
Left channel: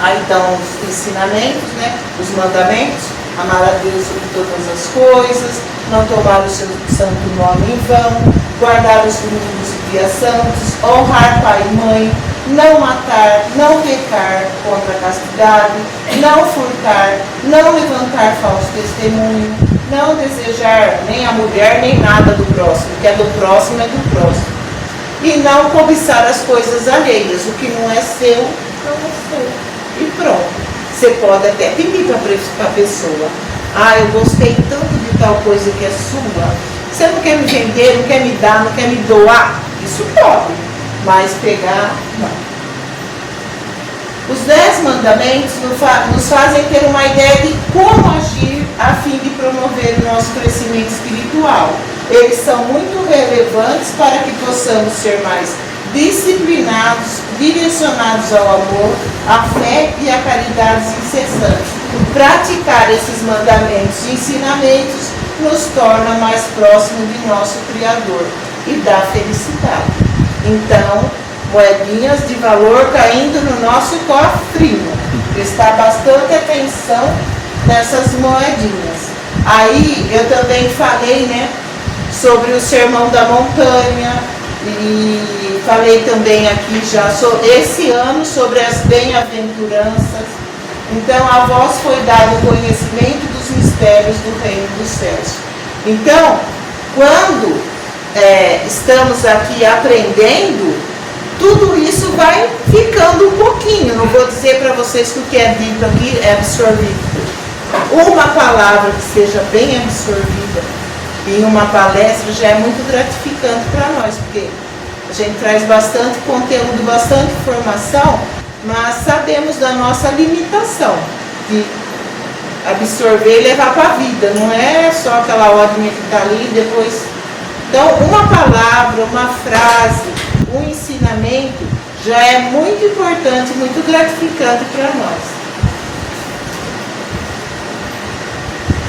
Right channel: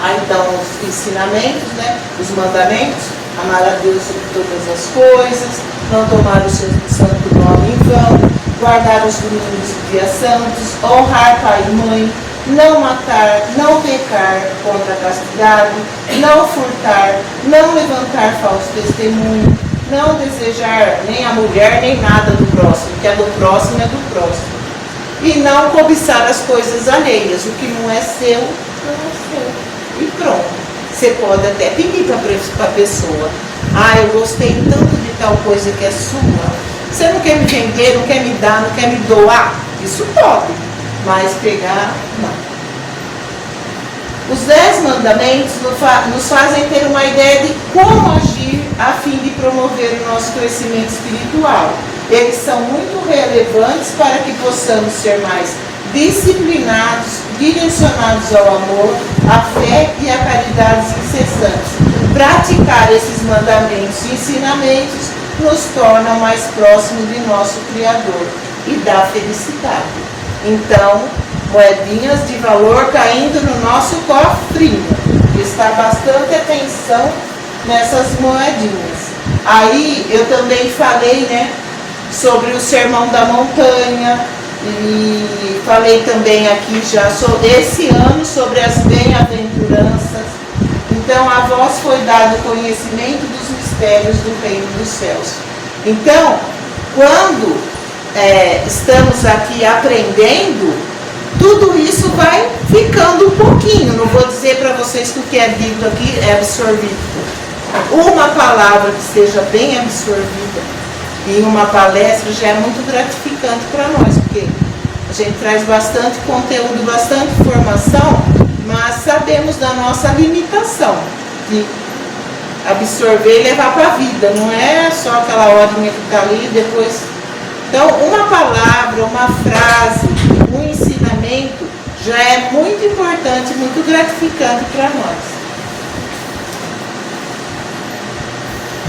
Aí estão os ensinamentos, né? Os mandamentos: amar a Deus sobre todas as coisas, não tomar o seu santo nome em vão, guardar os domingos e dias santos, honrar pai e mãe, não matar, não pecar contra a castidade, não furtar, não levantar falso testemunho, não desejar nem a mulher nem nada do próximo, o que é do próximo é do próximo, e não cobiçar as coisas alheias, o que não é seu, não é seu, e pronto. Você pode até pedir para a pessoa: ah, eu gostei tanto de tal coisa que é sua, você não quer me vender, não quer me dar, não quer me doar? Isso pode, mas pegar, não. Os 10 mandamentos nos fazem ter uma ideia de como agir a fim de promover o nosso crescimento espiritual. Eles são muito relevantes para que possamos ser mais disciplinados, direcionados ao amor, à fé e à caridade incessantes. Praticar esses mandamentos e ensinamentos nos torna mais próximos de nosso Criador e da felicidade. Então, moedinhas de valor caindo no nosso cofrinho. Prestar bastante atenção nessas moedinhas. Aí eu também falei, né, sobre o Sermão da Montanha, e falei também aqui já esse ano sobre as bem-aventuranças. Então a vós foi dado o conhecimento dos mistérios do reino dos céus. Então, quando estamos aqui aprendendo, tudo isso vai ficando um pouquinho. Não vou dizer para vocês que o que é dito aqui é absorvido. Uma palavra que seja bem absorvida em uma palestra já é muito gratificante para nós, porque a gente traz bastante conteúdo, bastante informação, mas sabemos da nossa limitação de absorver e levar para a vida. Não é só aquela horinha que está ali e depois. Então, uma palavra, uma frase, um ensinamento já é muito importante, muito gratificante para nós.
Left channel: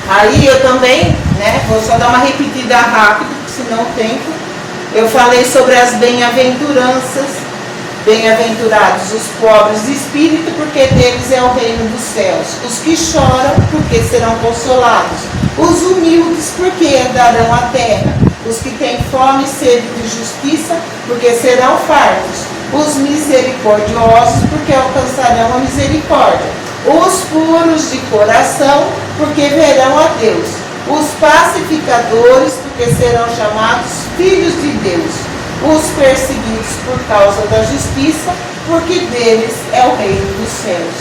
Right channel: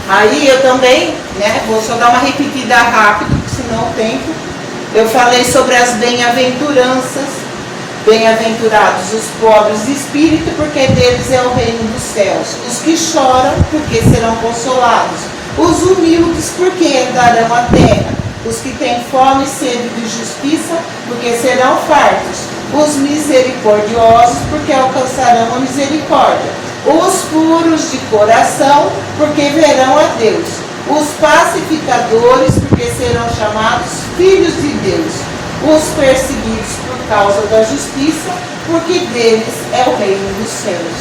Aí eu também, né, vou só dar uma repetida rápido, senão o tempo. Eu falei sobre as bem-aventuranças. Bem-aventurados os pobres de espírito, porque deles é o reino dos céus. Os que choram, porque serão consolados. Os humildes, porque herdarão a terra. Os que têm fome e sede de justiça, porque serão fartos. Os misericordiosos, porque alcançarão a misericórdia. Os puros de coração, porque verão a Deus. Os pacificadores, porque serão chamados filhos de Deus. Os perseguidos por causa da justiça, porque deles é o reino dos céus.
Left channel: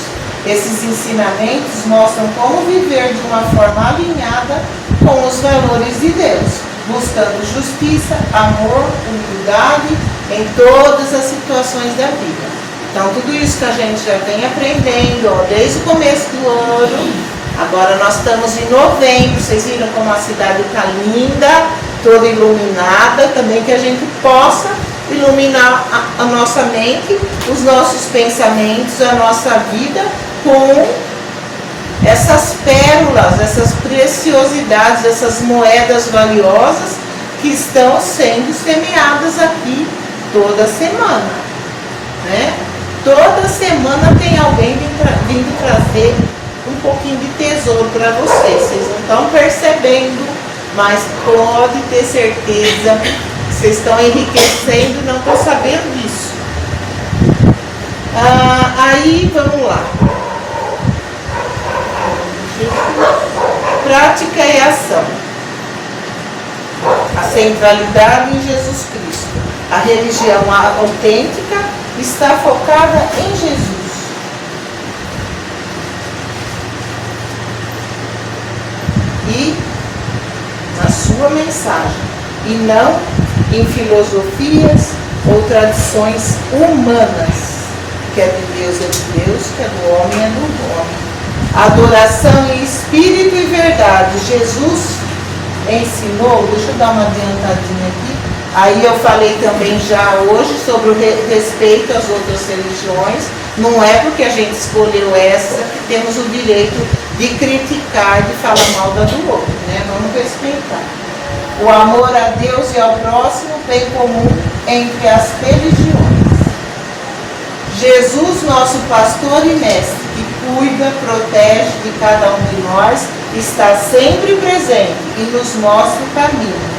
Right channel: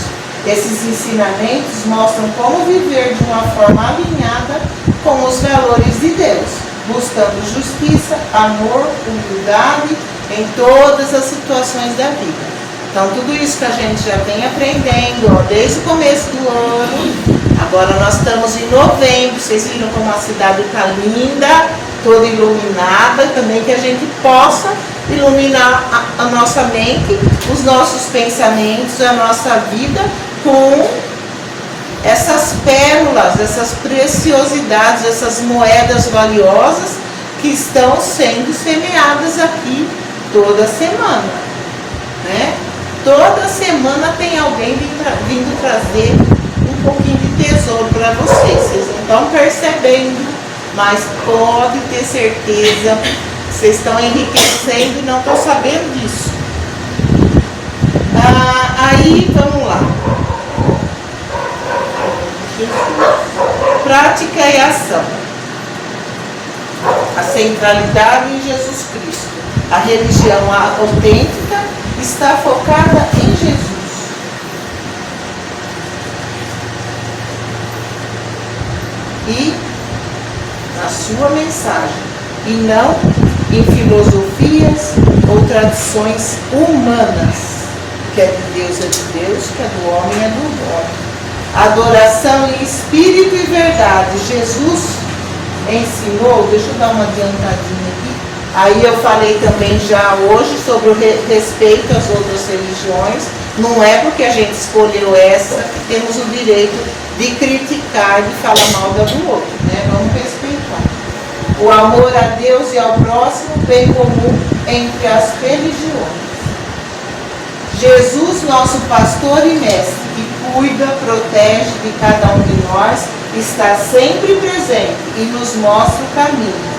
Esses ensinamentos mostram como viver de uma forma alinhada com os valores de Deus, buscando justiça, amor, humildade em todas as situações da vida. Então, tudo isso que a gente já vem aprendendo, ó, desde o começo do ano. Agora nós estamos em novembro, vocês viram como a cidade está linda, toda iluminada. Também que a gente possa iluminar a nossa mente, os nossos pensamentos, a nossa vida com essas pérolas, essas preciosidades, essas moedas valiosas que estão sendo semeadas aqui toda semana, né? Toda semana tem alguém vindo trazer um pouquinho de tesouro para vocês. Vocês não estão percebendo, mas pode ter certeza que vocês estão enriquecendo e não estão sabendo disso. Aí, vamos lá. Prática e ação. A centralidade em Jesus Cristo. A religião autêntica está focada em Jesus. E na sua mensagem. E não em filosofias ou tradições humanas. Que é de Deus é de Deus, que é do homem é do homem. Adoração em espírito e verdade. Jesus ensinou, deixa eu dar uma adiantadinha aqui. Aí eu falei também já hoje sobre o respeito às outras religiões. Não é porque a gente escolheu essa que temos o direito de criticar e de falar mal da do outro, né? Vamos respeitar. o amor a Deus e ao próximo, bem comum entre as religiões. Jesus, nosso pastor e mestre, que cuida, protege de cada um de nós, está sempre presente e nos mostra o caminho.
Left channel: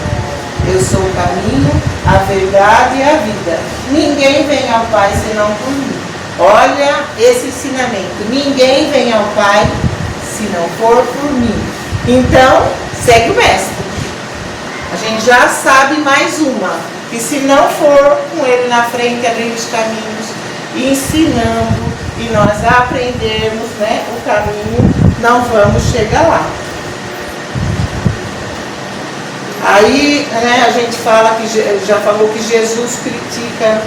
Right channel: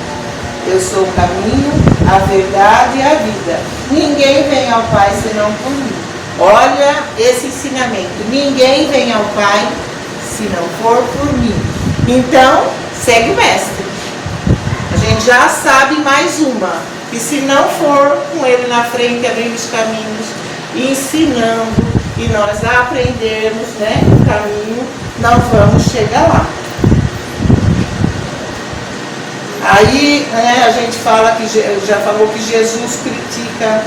Eu sou o caminho, a verdade e a vida. Ninguém vem ao Pai senão por mim. Olha esse ensinamento. Ninguém vem ao Pai se não for por mim. Então, segue o mestre. A gente já sabe mais uma. Que se não for com ele na frente, abrindo os caminhos, ensinando, e nós aprendermos, né, o caminho, não vamos chegar lá. Aí, né, a gente fala que já falou que Jesus critica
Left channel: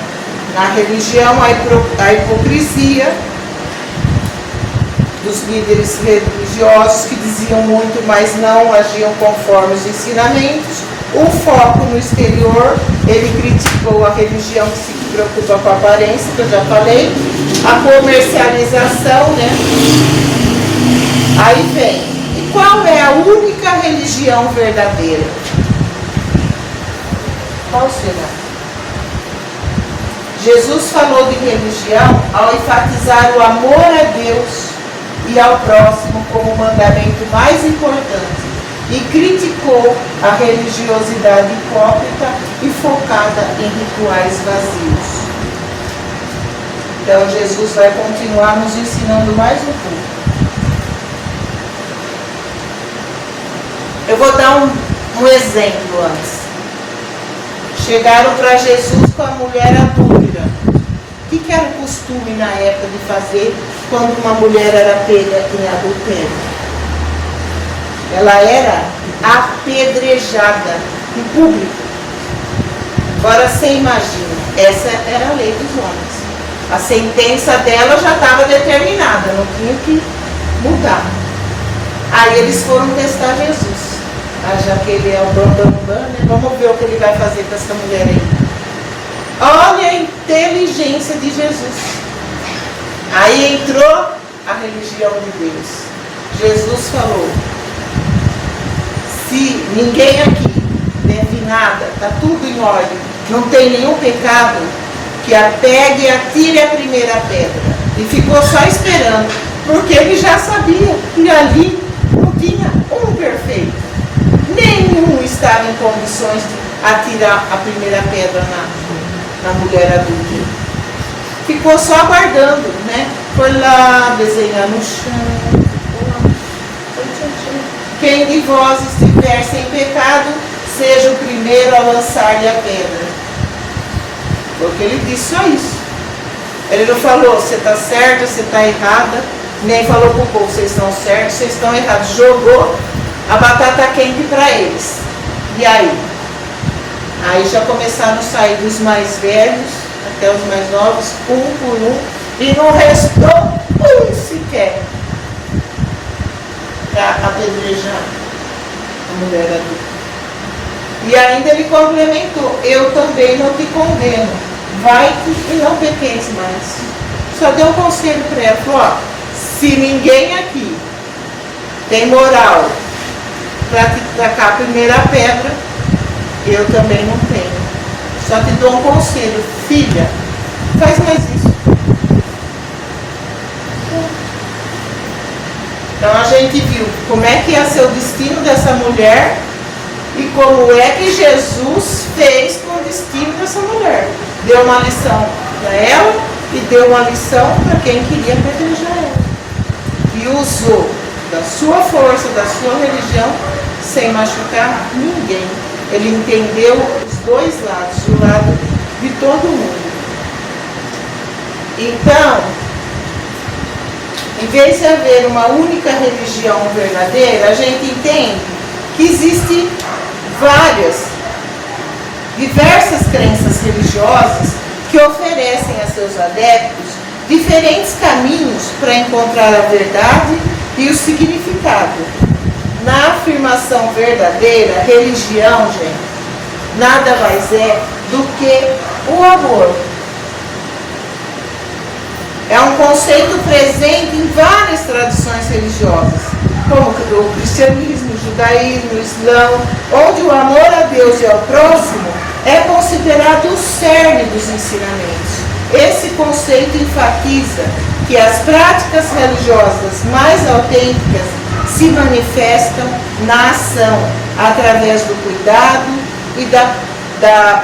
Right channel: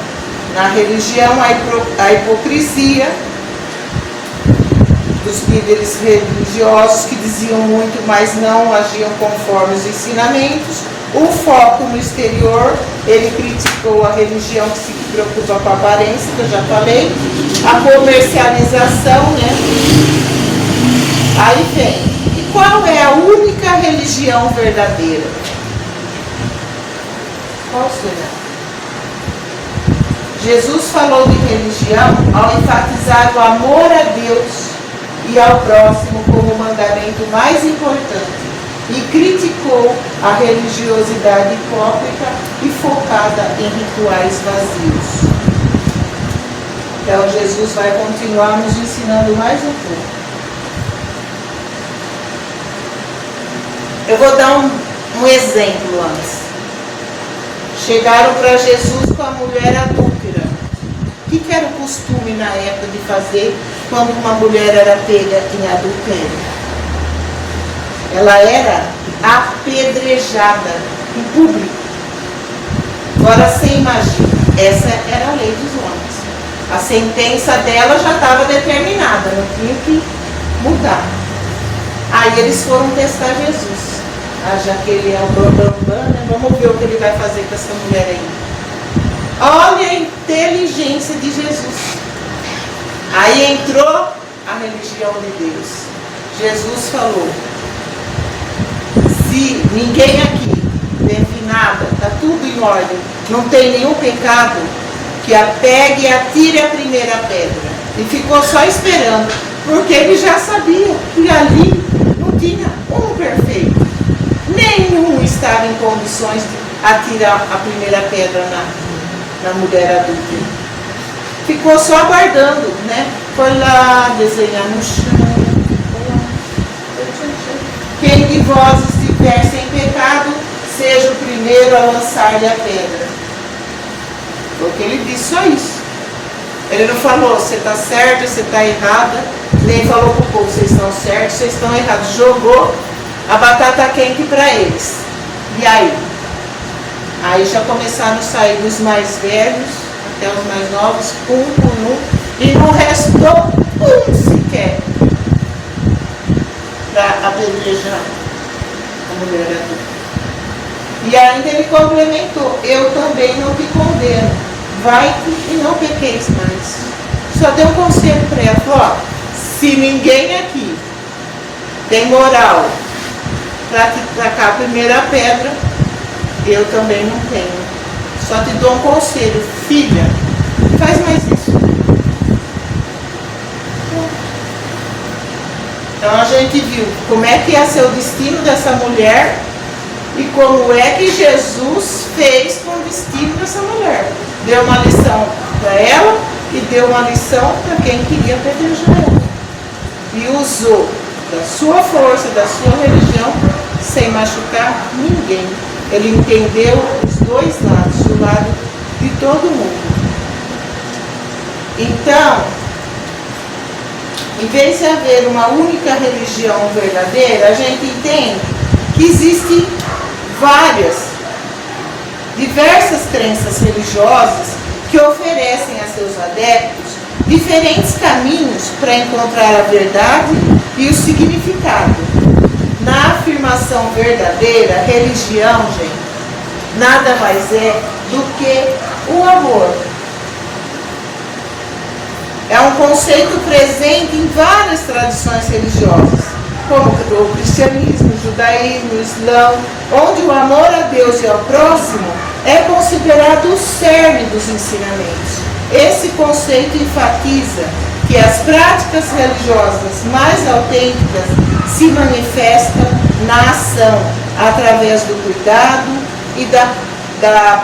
na religião a hipocrisia dos líderes religiosos que diziam muito, mas não agiam conforme os ensinamentos. O foco no exterior, ele criticou a religião que se preocupa com a aparência, que eu já falei, a comercialização, né? Aí vem, e qual é a única religião verdadeira? Qual será? Jesus falou de religião ao enfatizar o amor a Deus e ao próximo como o mandamento mais importante e criticou a religiosidade hipócrita e focada em rituais vazios. Então Jesus vai continuar nos ensinando mais um pouco. Eu vou dar um exemplo antes. Chegaram para Jesus com a mulher adúltera. O que era costume na época de fazer quando uma mulher era pega em adultério? Ela era apedrejada em público. Agora você imagina, essa era a lei dos homens. A sentença dela já estava determinada, não tinha que mudar. Aí eles foram testar Jesus. Já que ele é o bambambam, né? Vamos ver o que ele vai fazer com essa mulher aí. Olha a inteligência de Jesus. Aí entrou a religião de Deus. Jesus falou: se ninguém aqui deve nada, está tudo em ordem, não tem nenhum pecado, que a pegue e atire a primeira pedra. E ficou só esperando, porque ele já sabia que ali não tinha um perfeito. Nenhum estava em condições de atirar a primeira pedra na mulher adulta. Ficou só aguardando, né? Foi lá desenhar no chão. Quem de vós estiver sem pecado, seja o primeiro a lançar-lhe a pedra. Porque ele disse só isso. Ele não falou, você está certa, você está errada. Nem falou para o povo, vocês estão certos, vocês estão errados. Jogou a batata quente para eles. E aí? Aí já começaram a sair dos mais velhos até os mais novos, um por um, e não restou um sequer para apedrejar a mulher adulta. E ainda ele complementou: eu também não te condeno, vai-te e não pequeis mais. Só deu um conselho para ela, falou: ó, se ninguém aqui tem moral para te tacar a primeira pedra, eu também não tenho. Só te dou um conselho, filha, faz mais isso. Então a gente viu como é que ia ser o destino dessa mulher e como é que Jesus fez com o destino dessa mulher. Deu uma lição para ela e deu uma lição para quem queria apedrejar ela. E usou da sua força, da sua religião, sem machucar ninguém. Ele entendeu os dois lados, o lado de todo mundo. Então, em vez de haver uma única religião verdadeira, a gente entende que existem diversas crenças religiosas que oferecem a seus adeptos diferentes caminhos para encontrar a verdade e o significado. Na afirmação verdadeira, religião, gente, nada mais é do que o amor. É um conceito presente em várias tradições religiosas. como o cristianismo, o judaísmo, o islã, onde o amor a Deus e ao próximo é considerado o cerne dos ensinamentos. Esse conceito enfatiza que as práticas religiosas mais autênticas se manifestam na ação, através do cuidado e da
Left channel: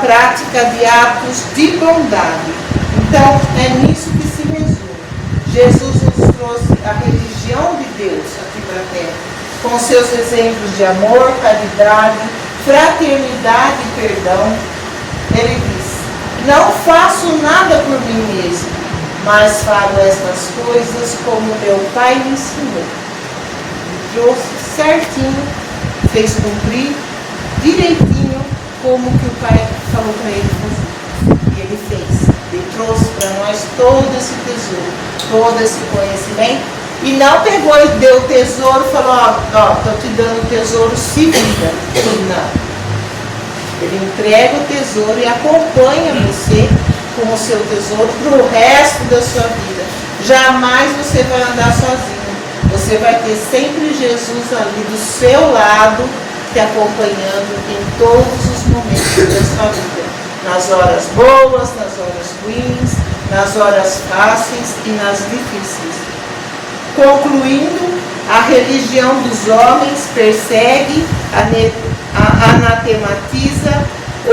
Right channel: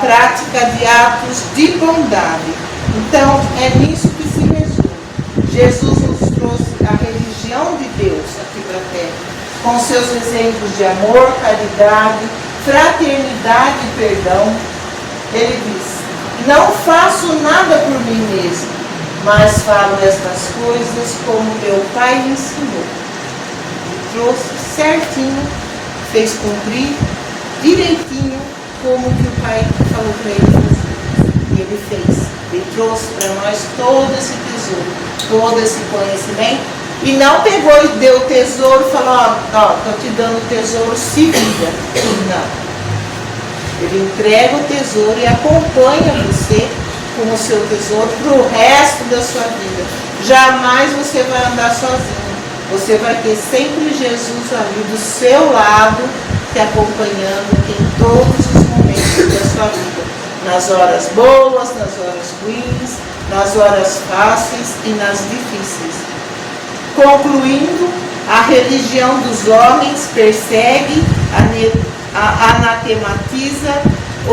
prática de atos de bondade. Então, é nisso que se resume. Jesus nos trouxe a religião de Deus aqui para a Terra, com seus exemplos de amor, caridade, fraternidade e perdão. Ele diz: não faço nada por mim mesmo, mas falo estas coisas como meu Pai me ensinou. Ele trouxe certinho, fez cumprir direitinho como que o Pai falou para ele fazer. E ele fez. Ele trouxe para nós todo esse tesouro, todo esse conhecimento. E não pegou e deu o tesouro e falou: ó, estou te dando o tesouro, se vira. Não. Ele entrega o tesouro e acompanha você com o seu tesouro para o resto da sua vida. Jamais você vai andar sozinho. Você vai ter sempre Jesus ali do seu lado, te acompanhando em todos os momentos da sua vida. Nas horas boas, nas horas ruins, nas horas fáceis e nas difíceis. Concluindo, a religião dos homens persegue, anatematiza,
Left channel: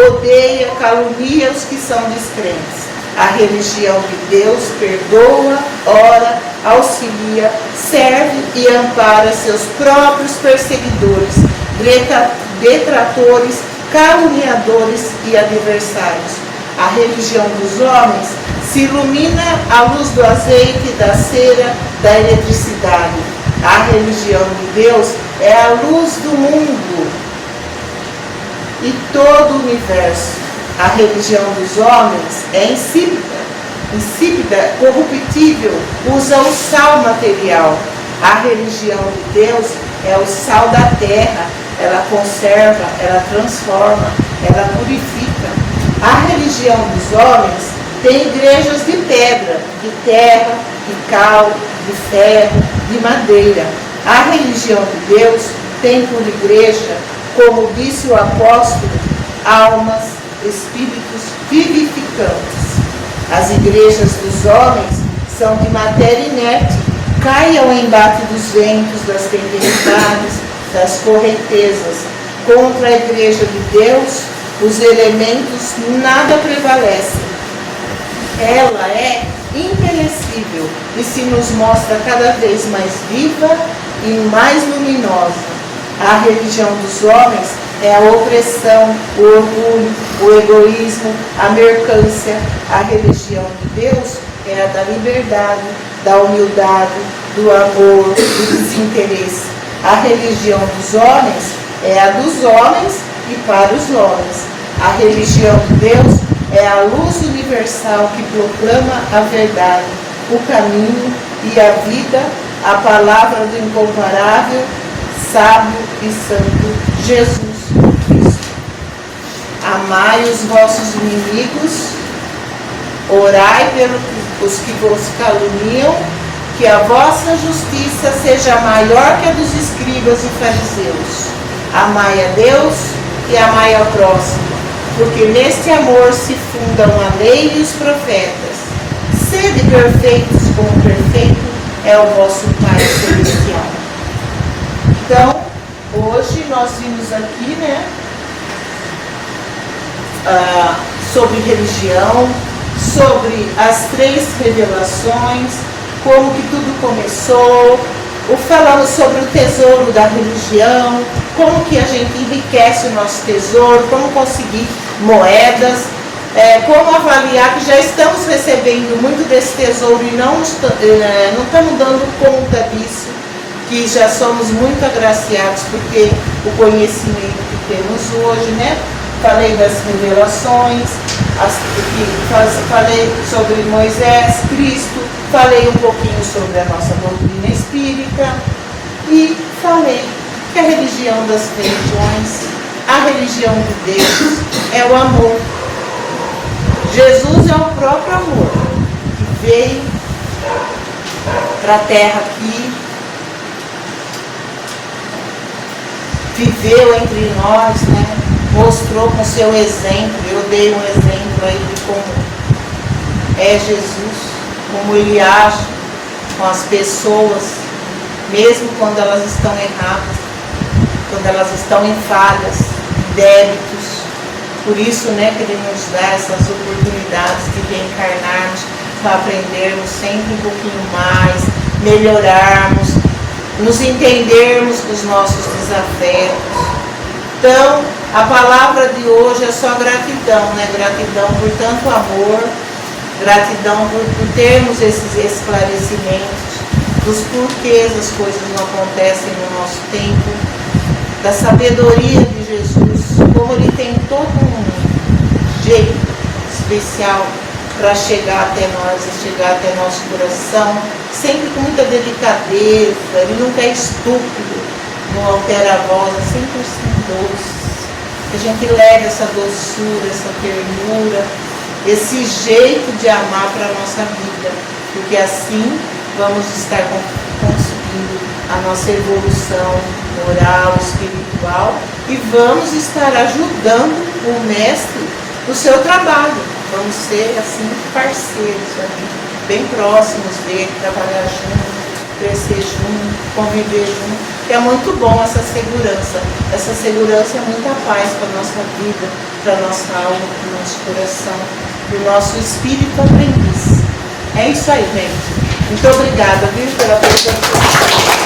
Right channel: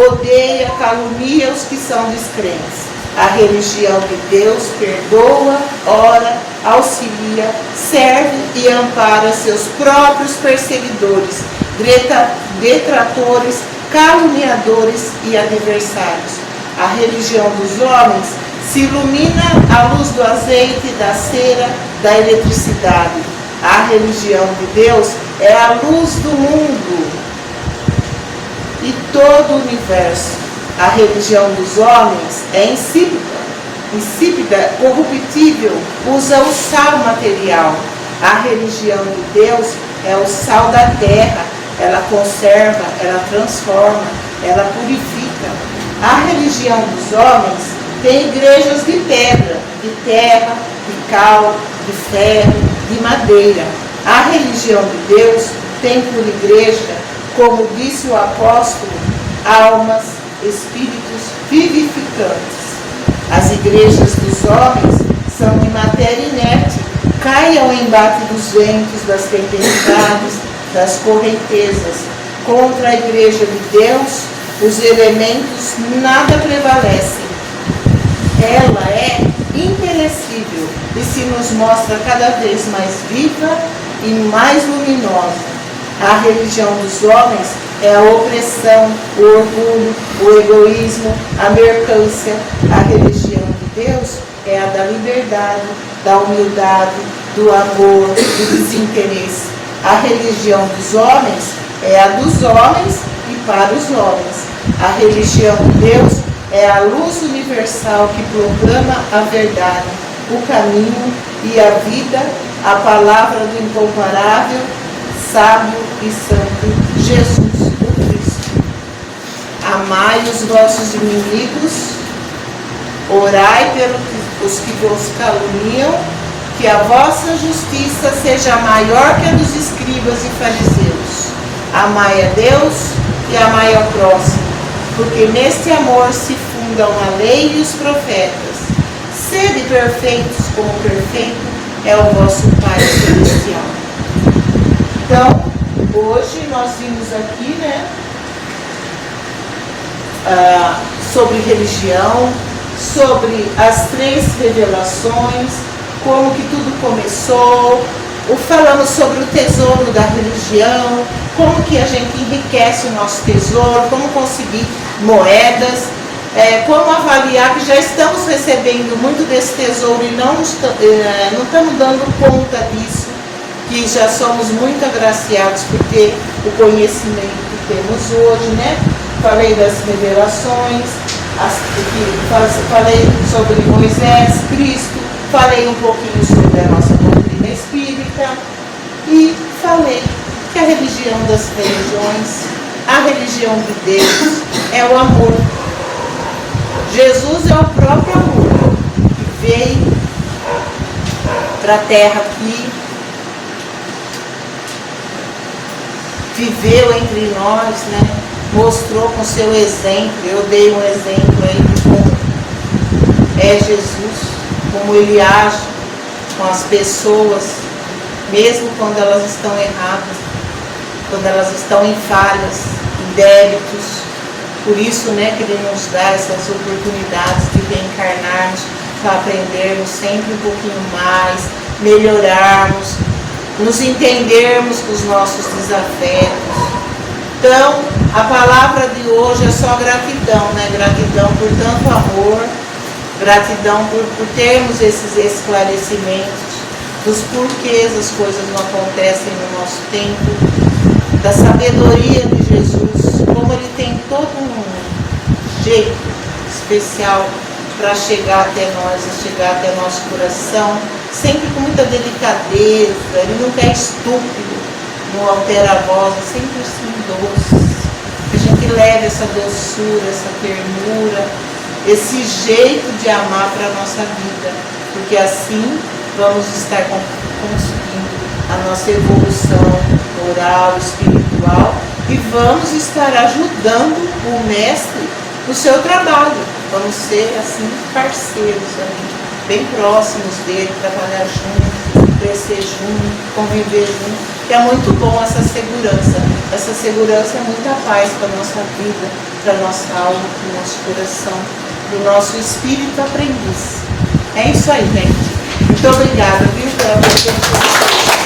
odeia, calunia os que são descrentes. A religião de Deus perdoa, ora, auxilia, serve e ampara seus próprios perseguidores, detratores, caluniadores e adversários. A religião dos homens se ilumina à luz do azeite, da cera, da eletricidade. A religião de Deus é a luz do mundo e todo o universo. A religião dos homens é insípida, corruptível, usa o sal material. A religião de Deus é o sal da terra, ela conserva, ela transforma, ela purifica. A religião dos homens tem igrejas de pedra, de terra, de cal, de ferro, de madeira. A religião de Deus tem por igreja, como disse o apóstolo, almas, espíritos vivificantes. As igrejas dos homens são de matéria inerte, caem ao embate dos ventos, das tempestades, das correntezas. Contra a igreja de Deus, os elementos nada prevalecem. Ela é imperecível e se nos mostra cada vez mais viva e mais luminosa. A religião dos homens é a opressão, o orgulho, o egoísmo, a mercância. A religião de Deus é a da liberdade, da humildade, do amor, do desinteresse. A religião dos homens é a dos homens e para os homens. A religião de Deus é a luz universal que proclama a verdade, o caminho e a vida, a palavra do incomparável, sábio e santo Jesus Cristo. Amai os vossos inimigos, orai pelos que vos caluniam, que a vossa justiça seja maior que a dos escribas e fariseus. Amai a Deus e amai ao próximo, porque neste amor se fundam a lei e os profetas. Sede perfeitos como perfeito é o vosso Pai Celestial. Então, hoje nós vimos aqui, sobre religião, sobre as 3 revelações, como que tudo começou, falamos sobre o tesouro da religião, como que a gente enriquece o nosso tesouro, como conseguir moedas, como avaliar que já estamos recebendo muito desse tesouro e não estamos dando conta disso, que já somos muito agraciados por ter o conhecimento que temos hoje, Falei das revelações, falei sobre Moisés, Cristo, falei um pouquinho sobre a nossa doutrina espírita e falei que a religião das religiões, a religião de Deus é o amor. Jesus é o próprio amor que veio para a terra aqui, viveu entre nós, né? Mostrou com seu exemplo. Eu dei um exemplo aí de como é Jesus, como ele age com as pessoas, mesmo quando elas estão erradas, quando elas estão em falhas, em débitos. Por isso, né, que ele nos dá essas oportunidades de reencarnarmos, para aprendermos sempre um pouquinho mais, melhorarmos, nos entendermos com os nossos desafetos. Então, a palavra de hoje é só gratidão, né? Gratidão por tanto amor, gratidão por termos esses esclarecimentos dos porquês as coisas não acontecem no nosso tempo, da sabedoria de Jesus, como ele tem todo um jeito especial para chegar até nós, chegar até nosso coração, sempre com muita delicadeza. Ele nunca é estúpido, não altera a voz, é sempre assim doce. Que a gente leve essa doçura, essa ternura, esse jeito de amar para a nossa vida, porque assim vamos estar conseguindo a nossa evolução moral, espiritual, e vamos estar ajudando o Mestre no seu trabalho. Vamos ser assim parceiros, bem próximos dele, trabalhar junto, crescer junto, conviver junto. Que é muito bom essa segurança. Essa segurança é muita paz para a nossa vida, para a nossa alma, para o nosso coração, para o nosso espírito aprendiz. É isso aí, gente. Muito obrigada, viu, pela presença.